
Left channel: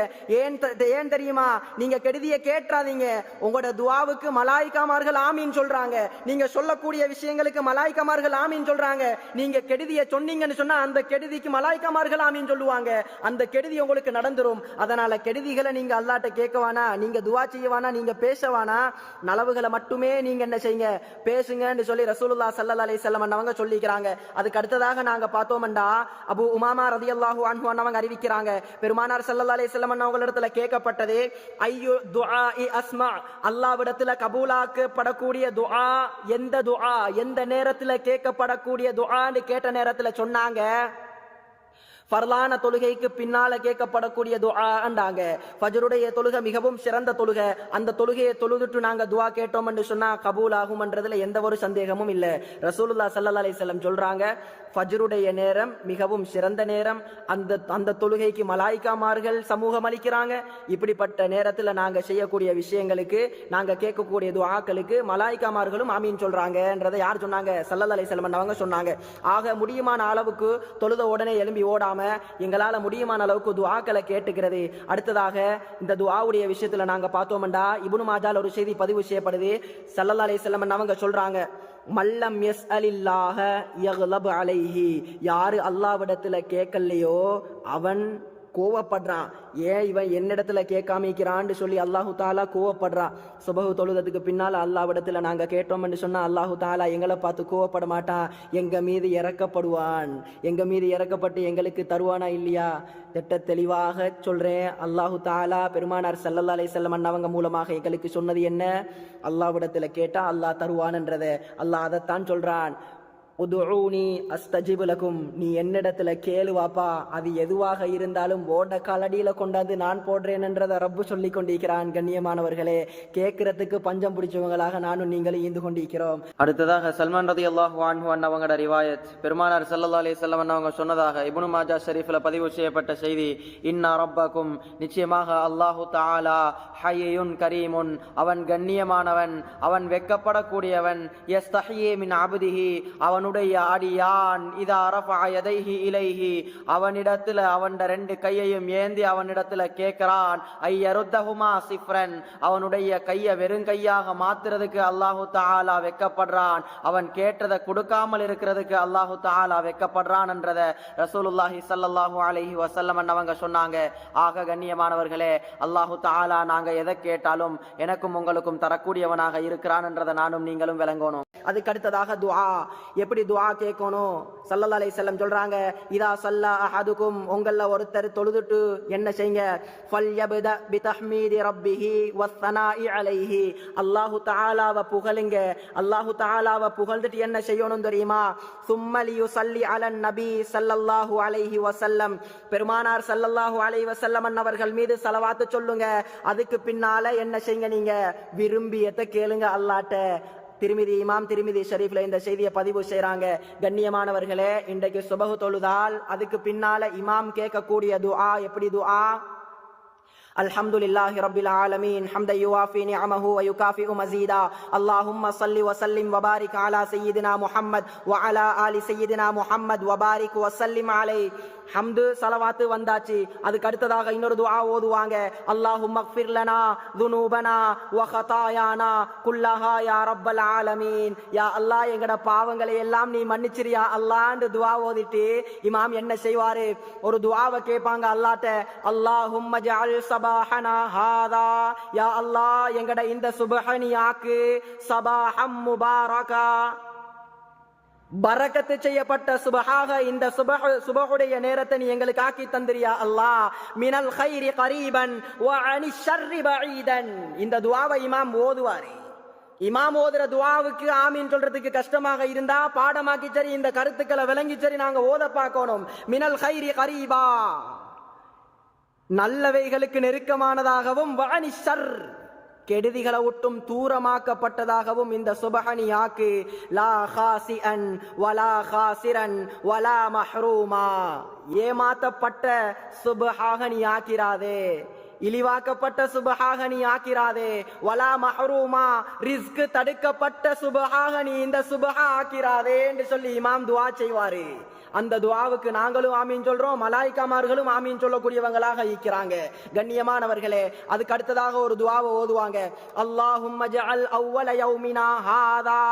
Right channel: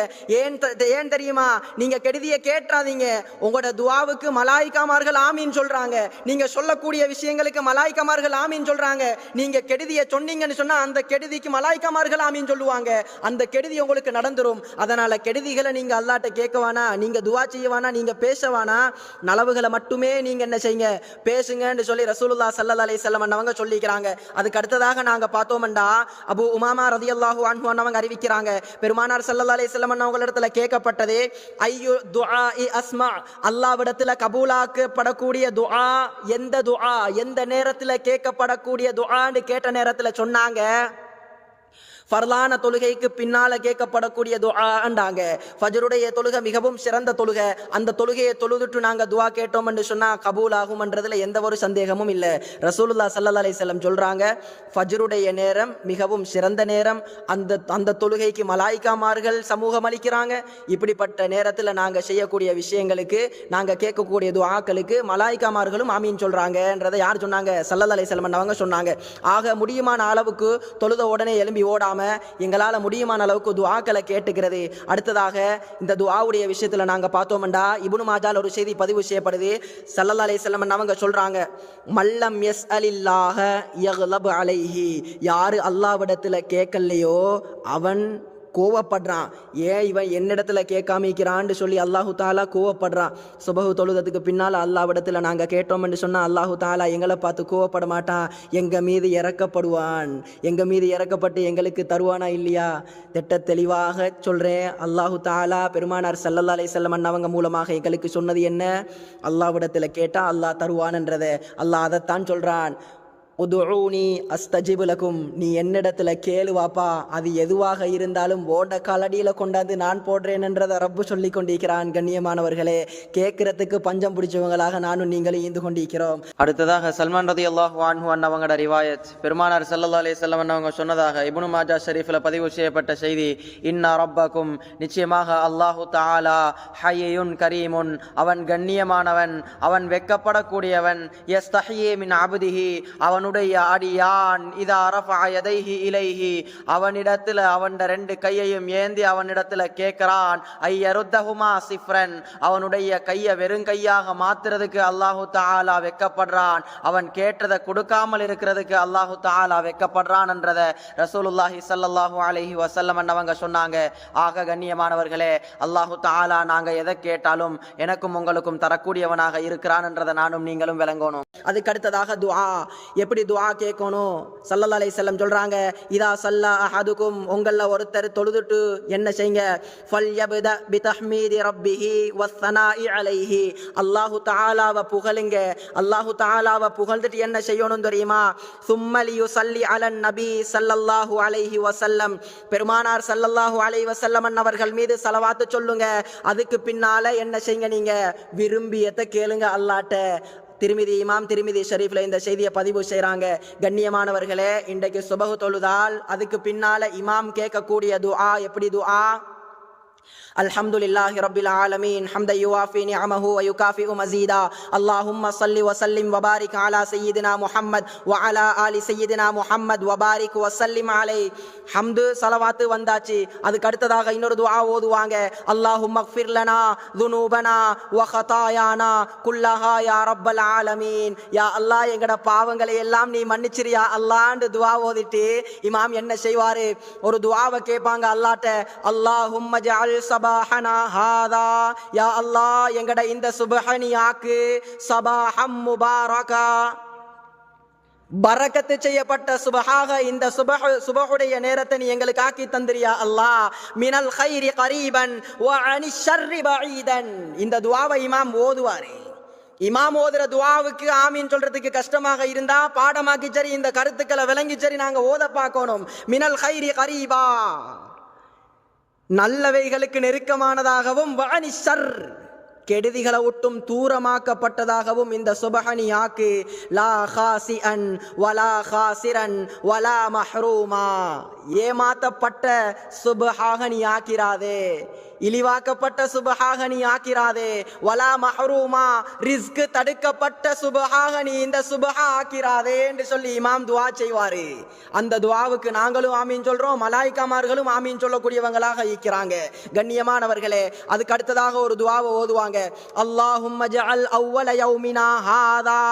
ஏன் தெரியுமா? நீங்க கெடுதியை கேட்றாதீங்க. உங்களோட துஆவுக்கு மலாயிக்காமார்கள் ஆமீன் சொல்றாங்க. நீங்க சொல்லக்கூடிய விஷயங்களுக்கு மலாயிக்காமார்கள் ஆமீன் சொல்றாங்க. நீங்க கெடுதியை சொன்னீங்கன்னு சொன்னா அந்த கெடுதிக்கு மலாயிக்காமார்கள் ஆமீன் சொல்லுவாங்க. அந்த கெடுதி உங்களுக்கு நடந்துரும். அதனால கெடுதிகளை நீங்க அல்லாஹ்ட்ட கேட்கவானா, நீங்க துஆ செய்யவானா, நீங்க பேசவானா, நலவுகளை மட்டுமே நீங்க என்ன செய்யுங்க, பேசுங்கன்னு சொல்லி ரசூலுல்லாஹ் ஸல்லல்லாஹு அலைஹி வஸல்லம் அவங்க சொல்லிக்கிறாங்க. அதுக்கு அடுத்ததாக நாங்க பார்த்தோம்டா, அபூ உமாமா ரலியல்லாஹு அன்ஹு அவங்க அறிவிக்கிறாங்க, பெருமானார் ஸல்லல்லாஹு அலைஹி வஸல்லம் அவங்களிடத்துல கேட்கப்பட்டது, ஐயு துஆஇ அஸ்மா, அல்லாஹ்விடத்துல கபூலாக்கப்படக்கூடிய துஆ எந்த துஆ, எந்த நேரத்துல கேட்கப்படக்கூடிய துஆன்னு கேட்ட நேரத்துல சொன்னாங்க, ஃபர்லான தொழுகைக்கு பின்னால கேட்கப்படக்கூடிய துஆண்டாங்க. ஃபஜ்ருடைய தொழுகை மிகவும் சிறந்த தொழுகை. அந்த தொழுகையை தொழுதுட்டு நாங்க துஆ கேட்டோம் என்று சொன்னா கபூல் ஆகும்ன்றதுல எந்த ஒரு சந்தேகமும் இல்லை. ரசூலுல்லாஹ் ஸல்லல்லாஹு அலைஹி வஸல்லம் சொல்றாங்க, ஃபஜ்ருடைய நேரம் மிகவும் சிறந்த நேரம். அந்த தொழுகைக்கு மலாயிக்காமார்கள் சமூகம் அளிக்கிறாங்க. இப்படிப்பட்ட நேரத்தில் நாங்க செய்யக்கூடிய விஷயங்களுக்கு, நாங்க கேட்கக்கூடிய துஆக்களுக்கு மலாயிக்காமார்களும் ஆமீன் சொல்றாங்கன்றதை யார் சொன்னாங்க? ஸல்லல்லாஹு அலைஹி வஸல்லம் அவங்க சொன்னாங்க. ஆக முடியுமான அளவுக்கு தொழுத உடனே எழும்பி ஓடாம எங்களால முடியுமான அளவுக்கு துஆக்களை கேட்டுக்கிறது. அடுத்ததாக இந்த துஆவுடைய விஷயத்துல நாங்க பார்த்தோம்டா, இப்னு மாஜால ஒரு செய்தி பதிவு செய்யப்படுது. ஸல்லல்லாஹு அலைஹி வஸல்லம் அவங்க சொல்றாங்க, மல்லம் யஸ்அலில்லாஹ யக்லப் அலைஹி, யாரு அல்லாஹ்விடத்துல கேட்கலையோ அவன் கோவப்படுறான். ஏன் இவன் என்னிடத்துல கேட்காமிக்கிறான்னு சொல்லி அல்லாஹு தாலா கோவப்படுறான். சுபஹு தொழுதத்துக்கு பின்னால் அல்லாஹ்விடத்துல நாங்க கேட்டோம்னு சொன்னா அல்லாஹு தாலா எங்களை பார்த்து கோவப்பட மாட்டான், எங்க மீது இறக்கப்படுவான். எங்க மீது இறக்கப்பட்டு எங்களுக்கு தருவானா இல்லையா? திட்ட தெளிவாக சொல்றேன். அல்லாஹு தாலா பெருமானார் ஸல்லல்லாஹு அலைஹி வஸல்லம் அவங்க மூலமாக எங்களுக்கு சொன்னது என்ன? அல்லாஹ்விடத்துல கேட்டா அல்லாஹ் தருவான்ன்றதை அல்லாஹ் அதைத்தான் சொல்றான். உதுஊனி அஸ்தஜிபு லகும், நீ என்னிடத்துல கேளு வாப்பா, அது எதுவாக இருந்தாலும் ஓட காலடியில கொண்டாந்து நான் போடுறேன் என்றதை ரப்பு சொல்லி கொண்டிருக்கிறான். கண்ணியமானவர்களே, கேட்கறதுக்கு பஞ்சம் பிடிச்சவங்களாக நானும் நீங்களும் ஈந்து கொண்டிருக்கிறோம். அடுத்ததாக சல்மான் ரலியல்லாஹு அன்ஹு அன்னவங்களோட ரிவாயத், பெருமானார் ஸல்லல்லாஹு அலைஹி வஸல்லம் அன்னவங்க சொன்னதாக இப்னு மாஜா ஷரீஃபில் பதிவு செய்யப்பட்ட செய்தி, இன்னா ரப்பக்கும், நிச்சயமாக அல்லாஹு தஆலா ஹய்யுன் கரீமுன், அவன் கண்ணியமானவன், அவன் வெக்கப்படக்கூடியவன், யஸ்தஹியே மின் அப்திஹி, அவனுடைய அடியான், இதா ரஃபஅ யதைஹி இலைஹி, அவனிடத்துல அவன் ரெண்டு கையையும் ஏந்தி அவனிடத்துல கேட்கிறான், ஐயருத்தஹுமா சிஃப்ரன், அவனுடைய கையை வெறும் கையாக மாத்துறதுக்கு அல்லாஹு தஆலா வெக்கப்படுறான், அவன் கேட்டதை கொடுக்காமல் இருக்கிறதுக்கு அல்லாஹு தஆலா வெக்கப்படுறான் என்றதை ரசூலுல்லாஹி ஸல்லல்லாஹு அலைஹி வஸல்லம் அவங்க சொன்னாங்க. ஆக கண்ணியமானவர்களே, அல்லாஹு தஆலா நாங்க எதை கேட்டாலும் எனக்கும் உங்களுக்கும் தரக்கூடியவனாக இருக்கிறான் என்றதை நானும் நீங்களும் விளங்கணும். அதுக்கு அடுத்ததாக துஆ, எப்படி துஆ கேட்கணும்? ஸல்லல்லாஹு அலைஹி வஸல்லம் சொல்றாங்க, இதா ஸல்லா அஹதுக்கும், உங்கள ஒருத்தர் தொழுதுட்டு என்ன செய்யுங்க, ஃபல்யப்த பிதஹ்மீதி ரப்பிஹி வஸ்ஸனாஇ அலைஹி, அல்லாஹு தஆலாவை புகழுங்க. அல்லாஹு தஆலாவை புகழ்ந்துட்டு என்ன செய்யணும் தெரியுமா? சும்ம லியுஸல்லி அலன் நபி ஸல்லல்லாஹு அலைஹி வஸல்லம், பெருமானார் ஸல்லல்லாஹு அலைஹி வஸல்லம் அவர்கள் மீது ஸலவாத்து சொல்லுங்க. அதுக்கு பின்னால என்ன செய்யுங்க, நீங்க விரும்பியத்தை கேளுங்க அல்லாஹ்ட்ட. இமாம் திர்மிதி ஷரீஃப்ல இந்த செய்தியை பதிவு செய்றாங்க. கண்ணியமானவர்களே, இன்றைக்கு சுபஹு தொழுதால் அதுக்கு பின்னால இமாம் கேட்கக்கூடிய துஆ எப்படி துஆ? அல்ஹம்துலில்லாஹி ரப்பில் ஆலமீன் ஹம்தன் யுவாஃபி நிஅமஹு வ யுகாஃபிஉ மஸீதா அல்லாஹும்ம ஸல்லி வ ஸல்லிம் வ பாரிக் அலா சய்யிதினா முஹம்மத் வ அலா ஆலி சய்யிதினா முஹம்மத் வ பாரிக் வ ஸல்லிம் அலைஹி. ஹம்து ஸலவாத்து வந்தாச்சு. அதுக்கு அடுத்ததாக இன்னொரு துஆ ஓதுவாங்க. அல்லாஹும்ம ஃபிர் லனா ذுனூபனா வ ஹதாயானா குல்லஹா யா ரப்பல் ஆலமீன், யா அல்லாஹ் எங்கட பாவங்களை எல்லாம் நீ மன்னிச்சிரியா அல்லாஹ்னு துஆ ஓதிட்டு இமாம் என்ன செய்வாரு? ஒரு துஆவை கேட்பாங்க அல்லாஹ்ட்ட. அல்லாஹும்ம ஜஅல் சபாஹனா ஹாதா, யா அல்லாஹ் எங்கட இந்த சுப்ஹனியாக்கு சபாஹம் முபாரகா, பரக்கத்து செய்யப்பட்ட சுபஹாக இந்த சுபஹுடைய நேரத்தை நீ எங்களுக்கு ஆக்கி தந்திரியா அல்லாஹ். மினல் கைரி கரீபன் வ அனி ஷர்ரி பஈதன். இந்த துஆவை இமாம் ஓதுவாரு. இமாம் ஓதுற துஆவுக்கு ஆமீன் சொல்றதுக்கு கஷ்டமாக இருந்தா பாடமாக்கி சரி இந்த கருத்துக்களை விளங்கி சரி நாங்க ஓத பார்க்கணும். மினல் கைரி கரீபா, நல்லவைகளுக்கு நெருக்கமானதாகவும், வ அனி ஷர், கெடுதிகளை விட்டும் தூரமாக்கப்பட்டதாகவும் இந்த சுபஹனியாக்கு. லா ஹாசிஅன் வலா ஹாசிரன் வலா மஹ்ரூமா, ஏமாத்தப்பட்ட சுபஹாக நீ ஆக்கிராதே, இழிவாக்கப்பட்ட சுபஹாக நீ ஆக்கிராதே. வலா மஹ்ரூமா, ரிஸ்க் தடுக்கப்பட்ட சுபஹாக நீ இந்த சுபஹா ஆக்கிராதே என்று சொல்லி இமாம் துஆ செய்வாரு. அந்த துஆவுக்கு நாங்களும் ஆமீன் சொல்றோம், மலாயிக்காமார்களும் ஆமீன் சொல்லக்கூடியவங்களாக இருக்கிறாங்க. கண்ணியமானவர்களே, அதுக்கு அடுத்ததாக ஒரு துஆவை ஓதுவாங்க. அல்லாஹும்ம ஜஅல் அவ்வல யௌமினா ஹாதா,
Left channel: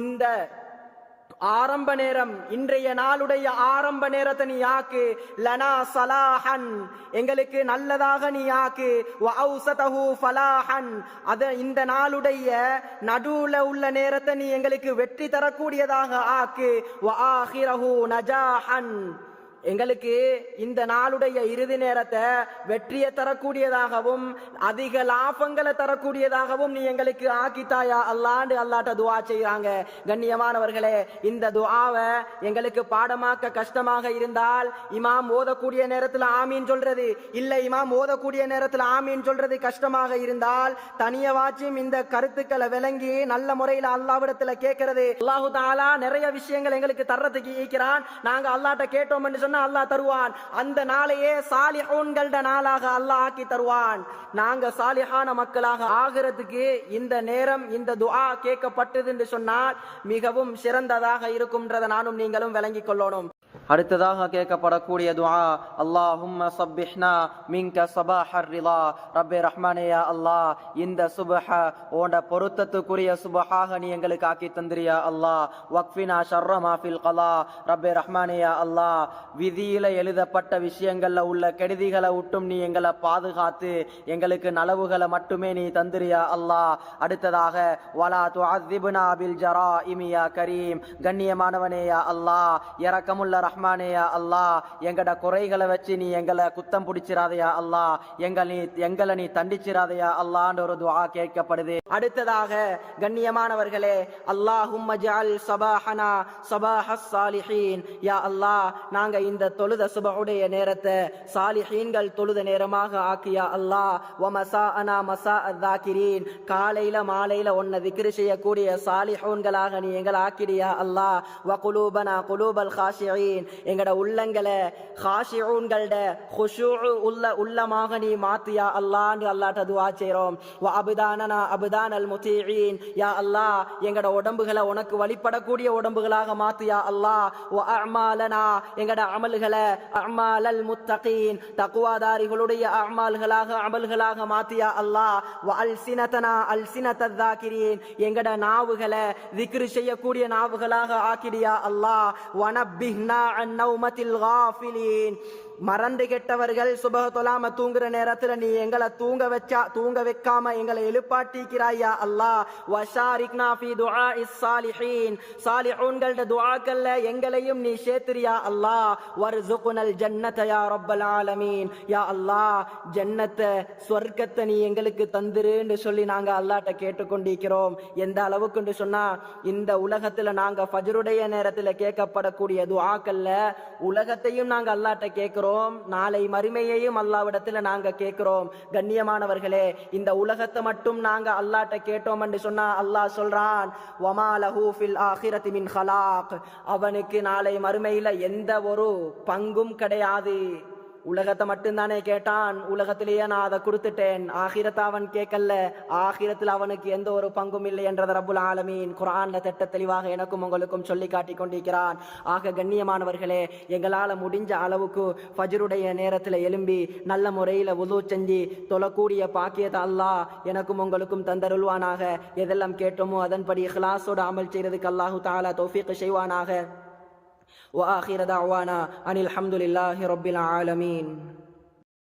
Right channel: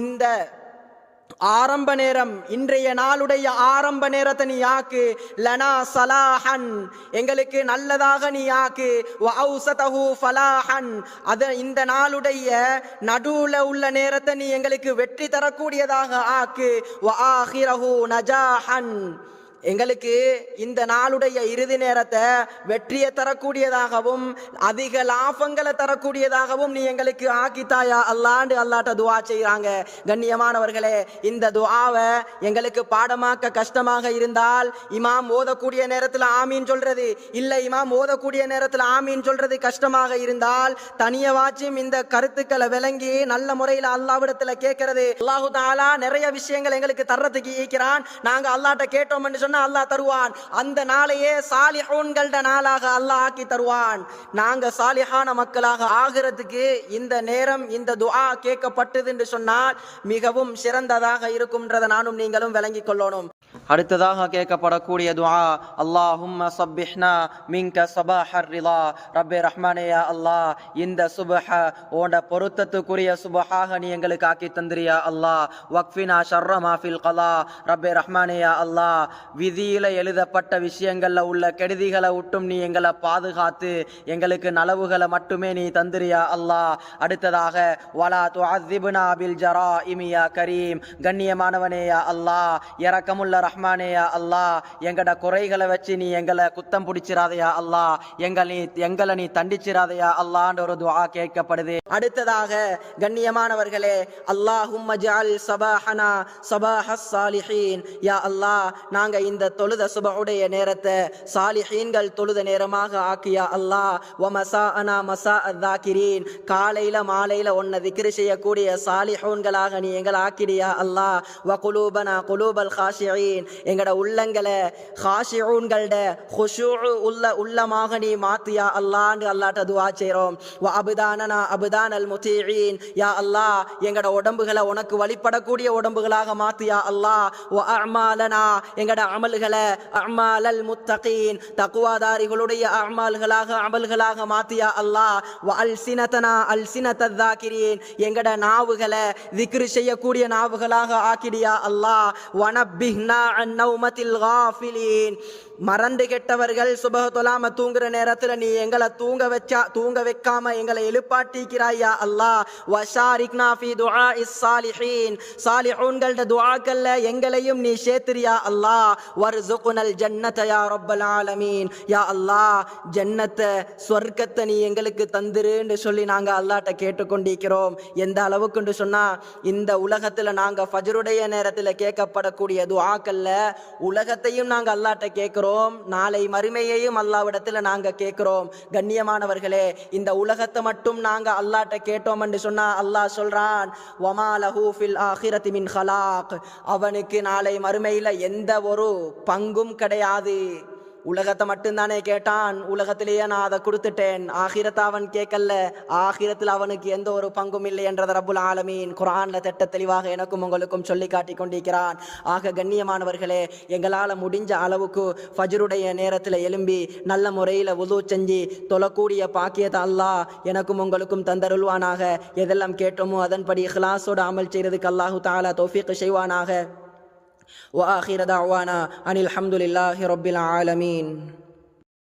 இந்த ஆரம்ப நேரம், இன்றைய நாளுடைய ஆரம்ப நேரத்தை நீ ஆக்கு. லனா சலாஹன், எங்களுக்கு நல்லதாக நீ ஆக்கு. வ அவுஸதஹு ஃபலாஹன், அத இந்த நாளுடைய நடுவுல உள்ள நேரத்தை நீ எங்களுக்கு வெற்றி தரக்கூடியதாக ஆக்கு. வ ஆஹிரஹு நஜாஹன், எங்களுக்கு இந்த நாளுடைய இறுதி நேரத்தை வெற்றியை தரக்கூடியதாகவும் அதிக லாபங்களை தரக்கூடியதாகவும் நீ எங்களுக்கு ஆக்கித்தாயா அல்லாண்டு அல்லாட்ட துஆ செய்றாங்க. கண்ணியமானவர்களே, இந்த துஆவை எங்களுக்கு பாடமாக்க கஷ்டமாக இருந்தால் இமாம் ஓதக்கூடிய நேரத்தில் ஆமீன் சொல்றது, இல்லை இமாம் ஓதக்கூடிய நேரத்தில் ஆமீன் சொல்றது கஷ்டமாக இருந்தால் தனியவாச்சும் இந்த கருத்துக்களை விளங்கி நல்ல முறையில் அல்லாஹ்விடத்தில் கேட்கறது. அல்லாஹு தஆலா நிறைய விஷயங்கள் எங்களுக்கு தர்றதுக்கு ஈக்கிறான். நாங்க அல்லாஹ்ட்ட கேட்டோம் என்று அல்லாஹ் தருவான். அந்த நாளையே சாலிஹூன்களோட நாளாக அல்லாஹ் ஆக்கி தருவான். நாங்க சாலிஹான மக்களாக ஆகிறதுக்கு இந்த நேரம் இந்த துஆ கேட்கப்பட்டது என்று சொன்னால் மிகவும் சிறந்ததாக இருக்கும்ன்றதை நானும் நீங்களும் விளங்கிக் கொள்ளணும். அடுத்ததாக கேட்கப்படக்கூடிய துஆ, அல்லாஹும்ம ஸப்பிஹ்னா மின்க ஸபாஹர் ரிலா. ரப்பே ரஹ்மானே யா அல்லாஹ், இந்த சுபஹ உன்ட பொருத்தத்துக்குரிய சுபஹாக நீ எங்களுக்கு ஆக்கி தந்திரியா அல்லாஹ். வக்ஃபினா ஷர்ர மா ஃபில் கலா. ரப்பே ரஹ்மானே யா அல்லாஹ், விதியில எழுதப்பட்ட விஷயங்கள்ல உள்ள கெடுதிகளை விட்டும் நீ எங்களை பாதுகாத்து எங்களுக்கு நலவுகளை மட்டுமே நீ தந்திரியா அல்லாஹ். அடுத்ததாக வலா துஅذிப்னா பில் ஜராஇமி யா கரீம். கண்ணியமானவனே யா அல்லாஹ், இரக்கமுள்ள ரஹ்மானே யா அல்லாஹ், எங்கட குறைகளை வச்சு நீ எங்களை குத்தம் பிடிச்சிராதையா அல்லாஹ், எங்களை நீ தண்டிச்சிராதையா அல்லாஹ்ன்ற ஒரு துஆ கேட்கப்படுது. அடுத்ததாக கண்ணியமானவர்களே, அல்லாஹும்ம ஜஅல் ஸபாஹனா ஸபாஹஸ் ஸாலிஹீன். யா அல்லாஹ், நாங்க இந்த தொழுத சுபஹுடைய நேரத்தை சாலிஹீன்கள் தொழுத நேரமாக ஆக்கியா அல்லாஹ். வ மஸாஅனா மஸாஅத் ஸாகிரீன். காலையில மாலையில உன்னை திக்ர் செய்யக்கூடிய சாலிஹூன்களாக நீ எங்களை ஆக்கிடியா அல்லாஹ். வ குலூபனா குலூபல் காஷிஈன். எங்கட உள்ளங்களை காஷிஊன்களோட குஷூ உள்ளமாக நீ மாத்தியா அல்லாஹ்னு அல்லாஹ்ட்ட துஆ செய்றோம். வ அப்தானனா அப்தானல் முத்தீஈன். யா அல்லாஹ், எங்கட உடம்புகளை உனக்கு வழிபடக்கூடிய உடம்புகளாக மாத்தியா அல்லாஹ். வ அஅமாலனா, எங்கட அமல்களை அஅமாலல் முத்தகீன், தக்வாதாரிகளுடைய அஅமால்களாக அமல்களாக மாத்தியா அல்லாஹ். வ அல்சினதனா அல்சினத்தல் ஸாகிரீன். எங்கட நாவுகளை திக்ர் செய்யக்கூடிய நாவுகளாக ஆக்கிடியா அல்லாஹ். வ நப்பிஹ்னா அன் நௌமத்தில் காஃபிலீன். மறந்து கெட்டவர்கள் சுபஹ தொழாம தூங்குற நேரத்துல நீ எங்களை தூங்க வைக்காம எங்களை எழுப்பாட்டிக்கிறாயா அல்லாஹ். வஷாரிக்னா ஃபீ துஆஇஸ் ஸாலிஹீன். ஸாலிஹூன்களோட துஆக்கள்ல எங்களையும் நீ சேர்த்துறியா அல்லாஹ். வர்ஸுக்னல் ஜன்னத யா ரப்பல் ஆலமீன். யா அல்லாஹ், ஜன்னத்தை சொர்க்கத்தை நீ எங்களுக்கு தந்துருன்னு சொல்லி நாங்க அல்லாஹ்ட்ட கேட்டுக்கொண்டிருக்கிறோம். எந்த அளவுக்குன்னு சொன்னா, இந்த உலகத்துல நாங்க ஃபஜ்ருடைய நேரத்துல கேட்கப்படக்கூடிய துஆக்கள்ல உலகத்தையும் நாங்க அல்லாஹ்ட்ட கேட்கிறோம், நாளை மறுமையையும் அல்லாஹ்விடத்துல நாங்க கேட்கிறோம். கண்ணியமானவர்களே, இந்த உலகத்தை மட்டும் நாங்க அல்லாஹ்ட்ட கேட்டோம் என்று சொன்னா அல்லாஹ் சொல்றான், வமா லஹு ஃபில் ஆகிரத்தி மின் ஹலாக். அவனுக்கு நாளை மறுமையில எந்த ஒரு பங்கும் கிடையாது. உலகத்தை மட்டும்தானே கேட்டான், உலகத்திலேயே நான் அதை கொடுத்துட்டேன். ஆகிரத்தை அவன் கேட்கல, ஆகிரத்தில் அவனுக்கு எந்த ஒரு பங்கும் இல்லை என்றதை ரப்புல் ஆலமீன் குர்ஆன்ல திட்ட தெளிவாக எனக்கும் உங்களுக்கும் சொல்லி காட்டி கொண்டிருக்கிறான். ஆக கண்ணியமானவர்களே, எங்களால் முடிஞ்ச அளவுக்கு ஃபஜ்ருடைய நேரத்தில் எழும்பி நல்ல முறையில் வுது செஞ்சு தொழக்கூடிய பாக்கியத்தை அல்லாஹ் எனக்கும் உங்களுக்கும் தந்தருள்வானாக. எதெல்லாம் கேட்டோமோ அதன்படி இஹ்லாஸோடு அமல் செய்யறதுக்கு அல்லாஹு தஆலா தௌஃபீக் செய்வானாக. وآخر دعوانا أن الحمد لله رب العالمين.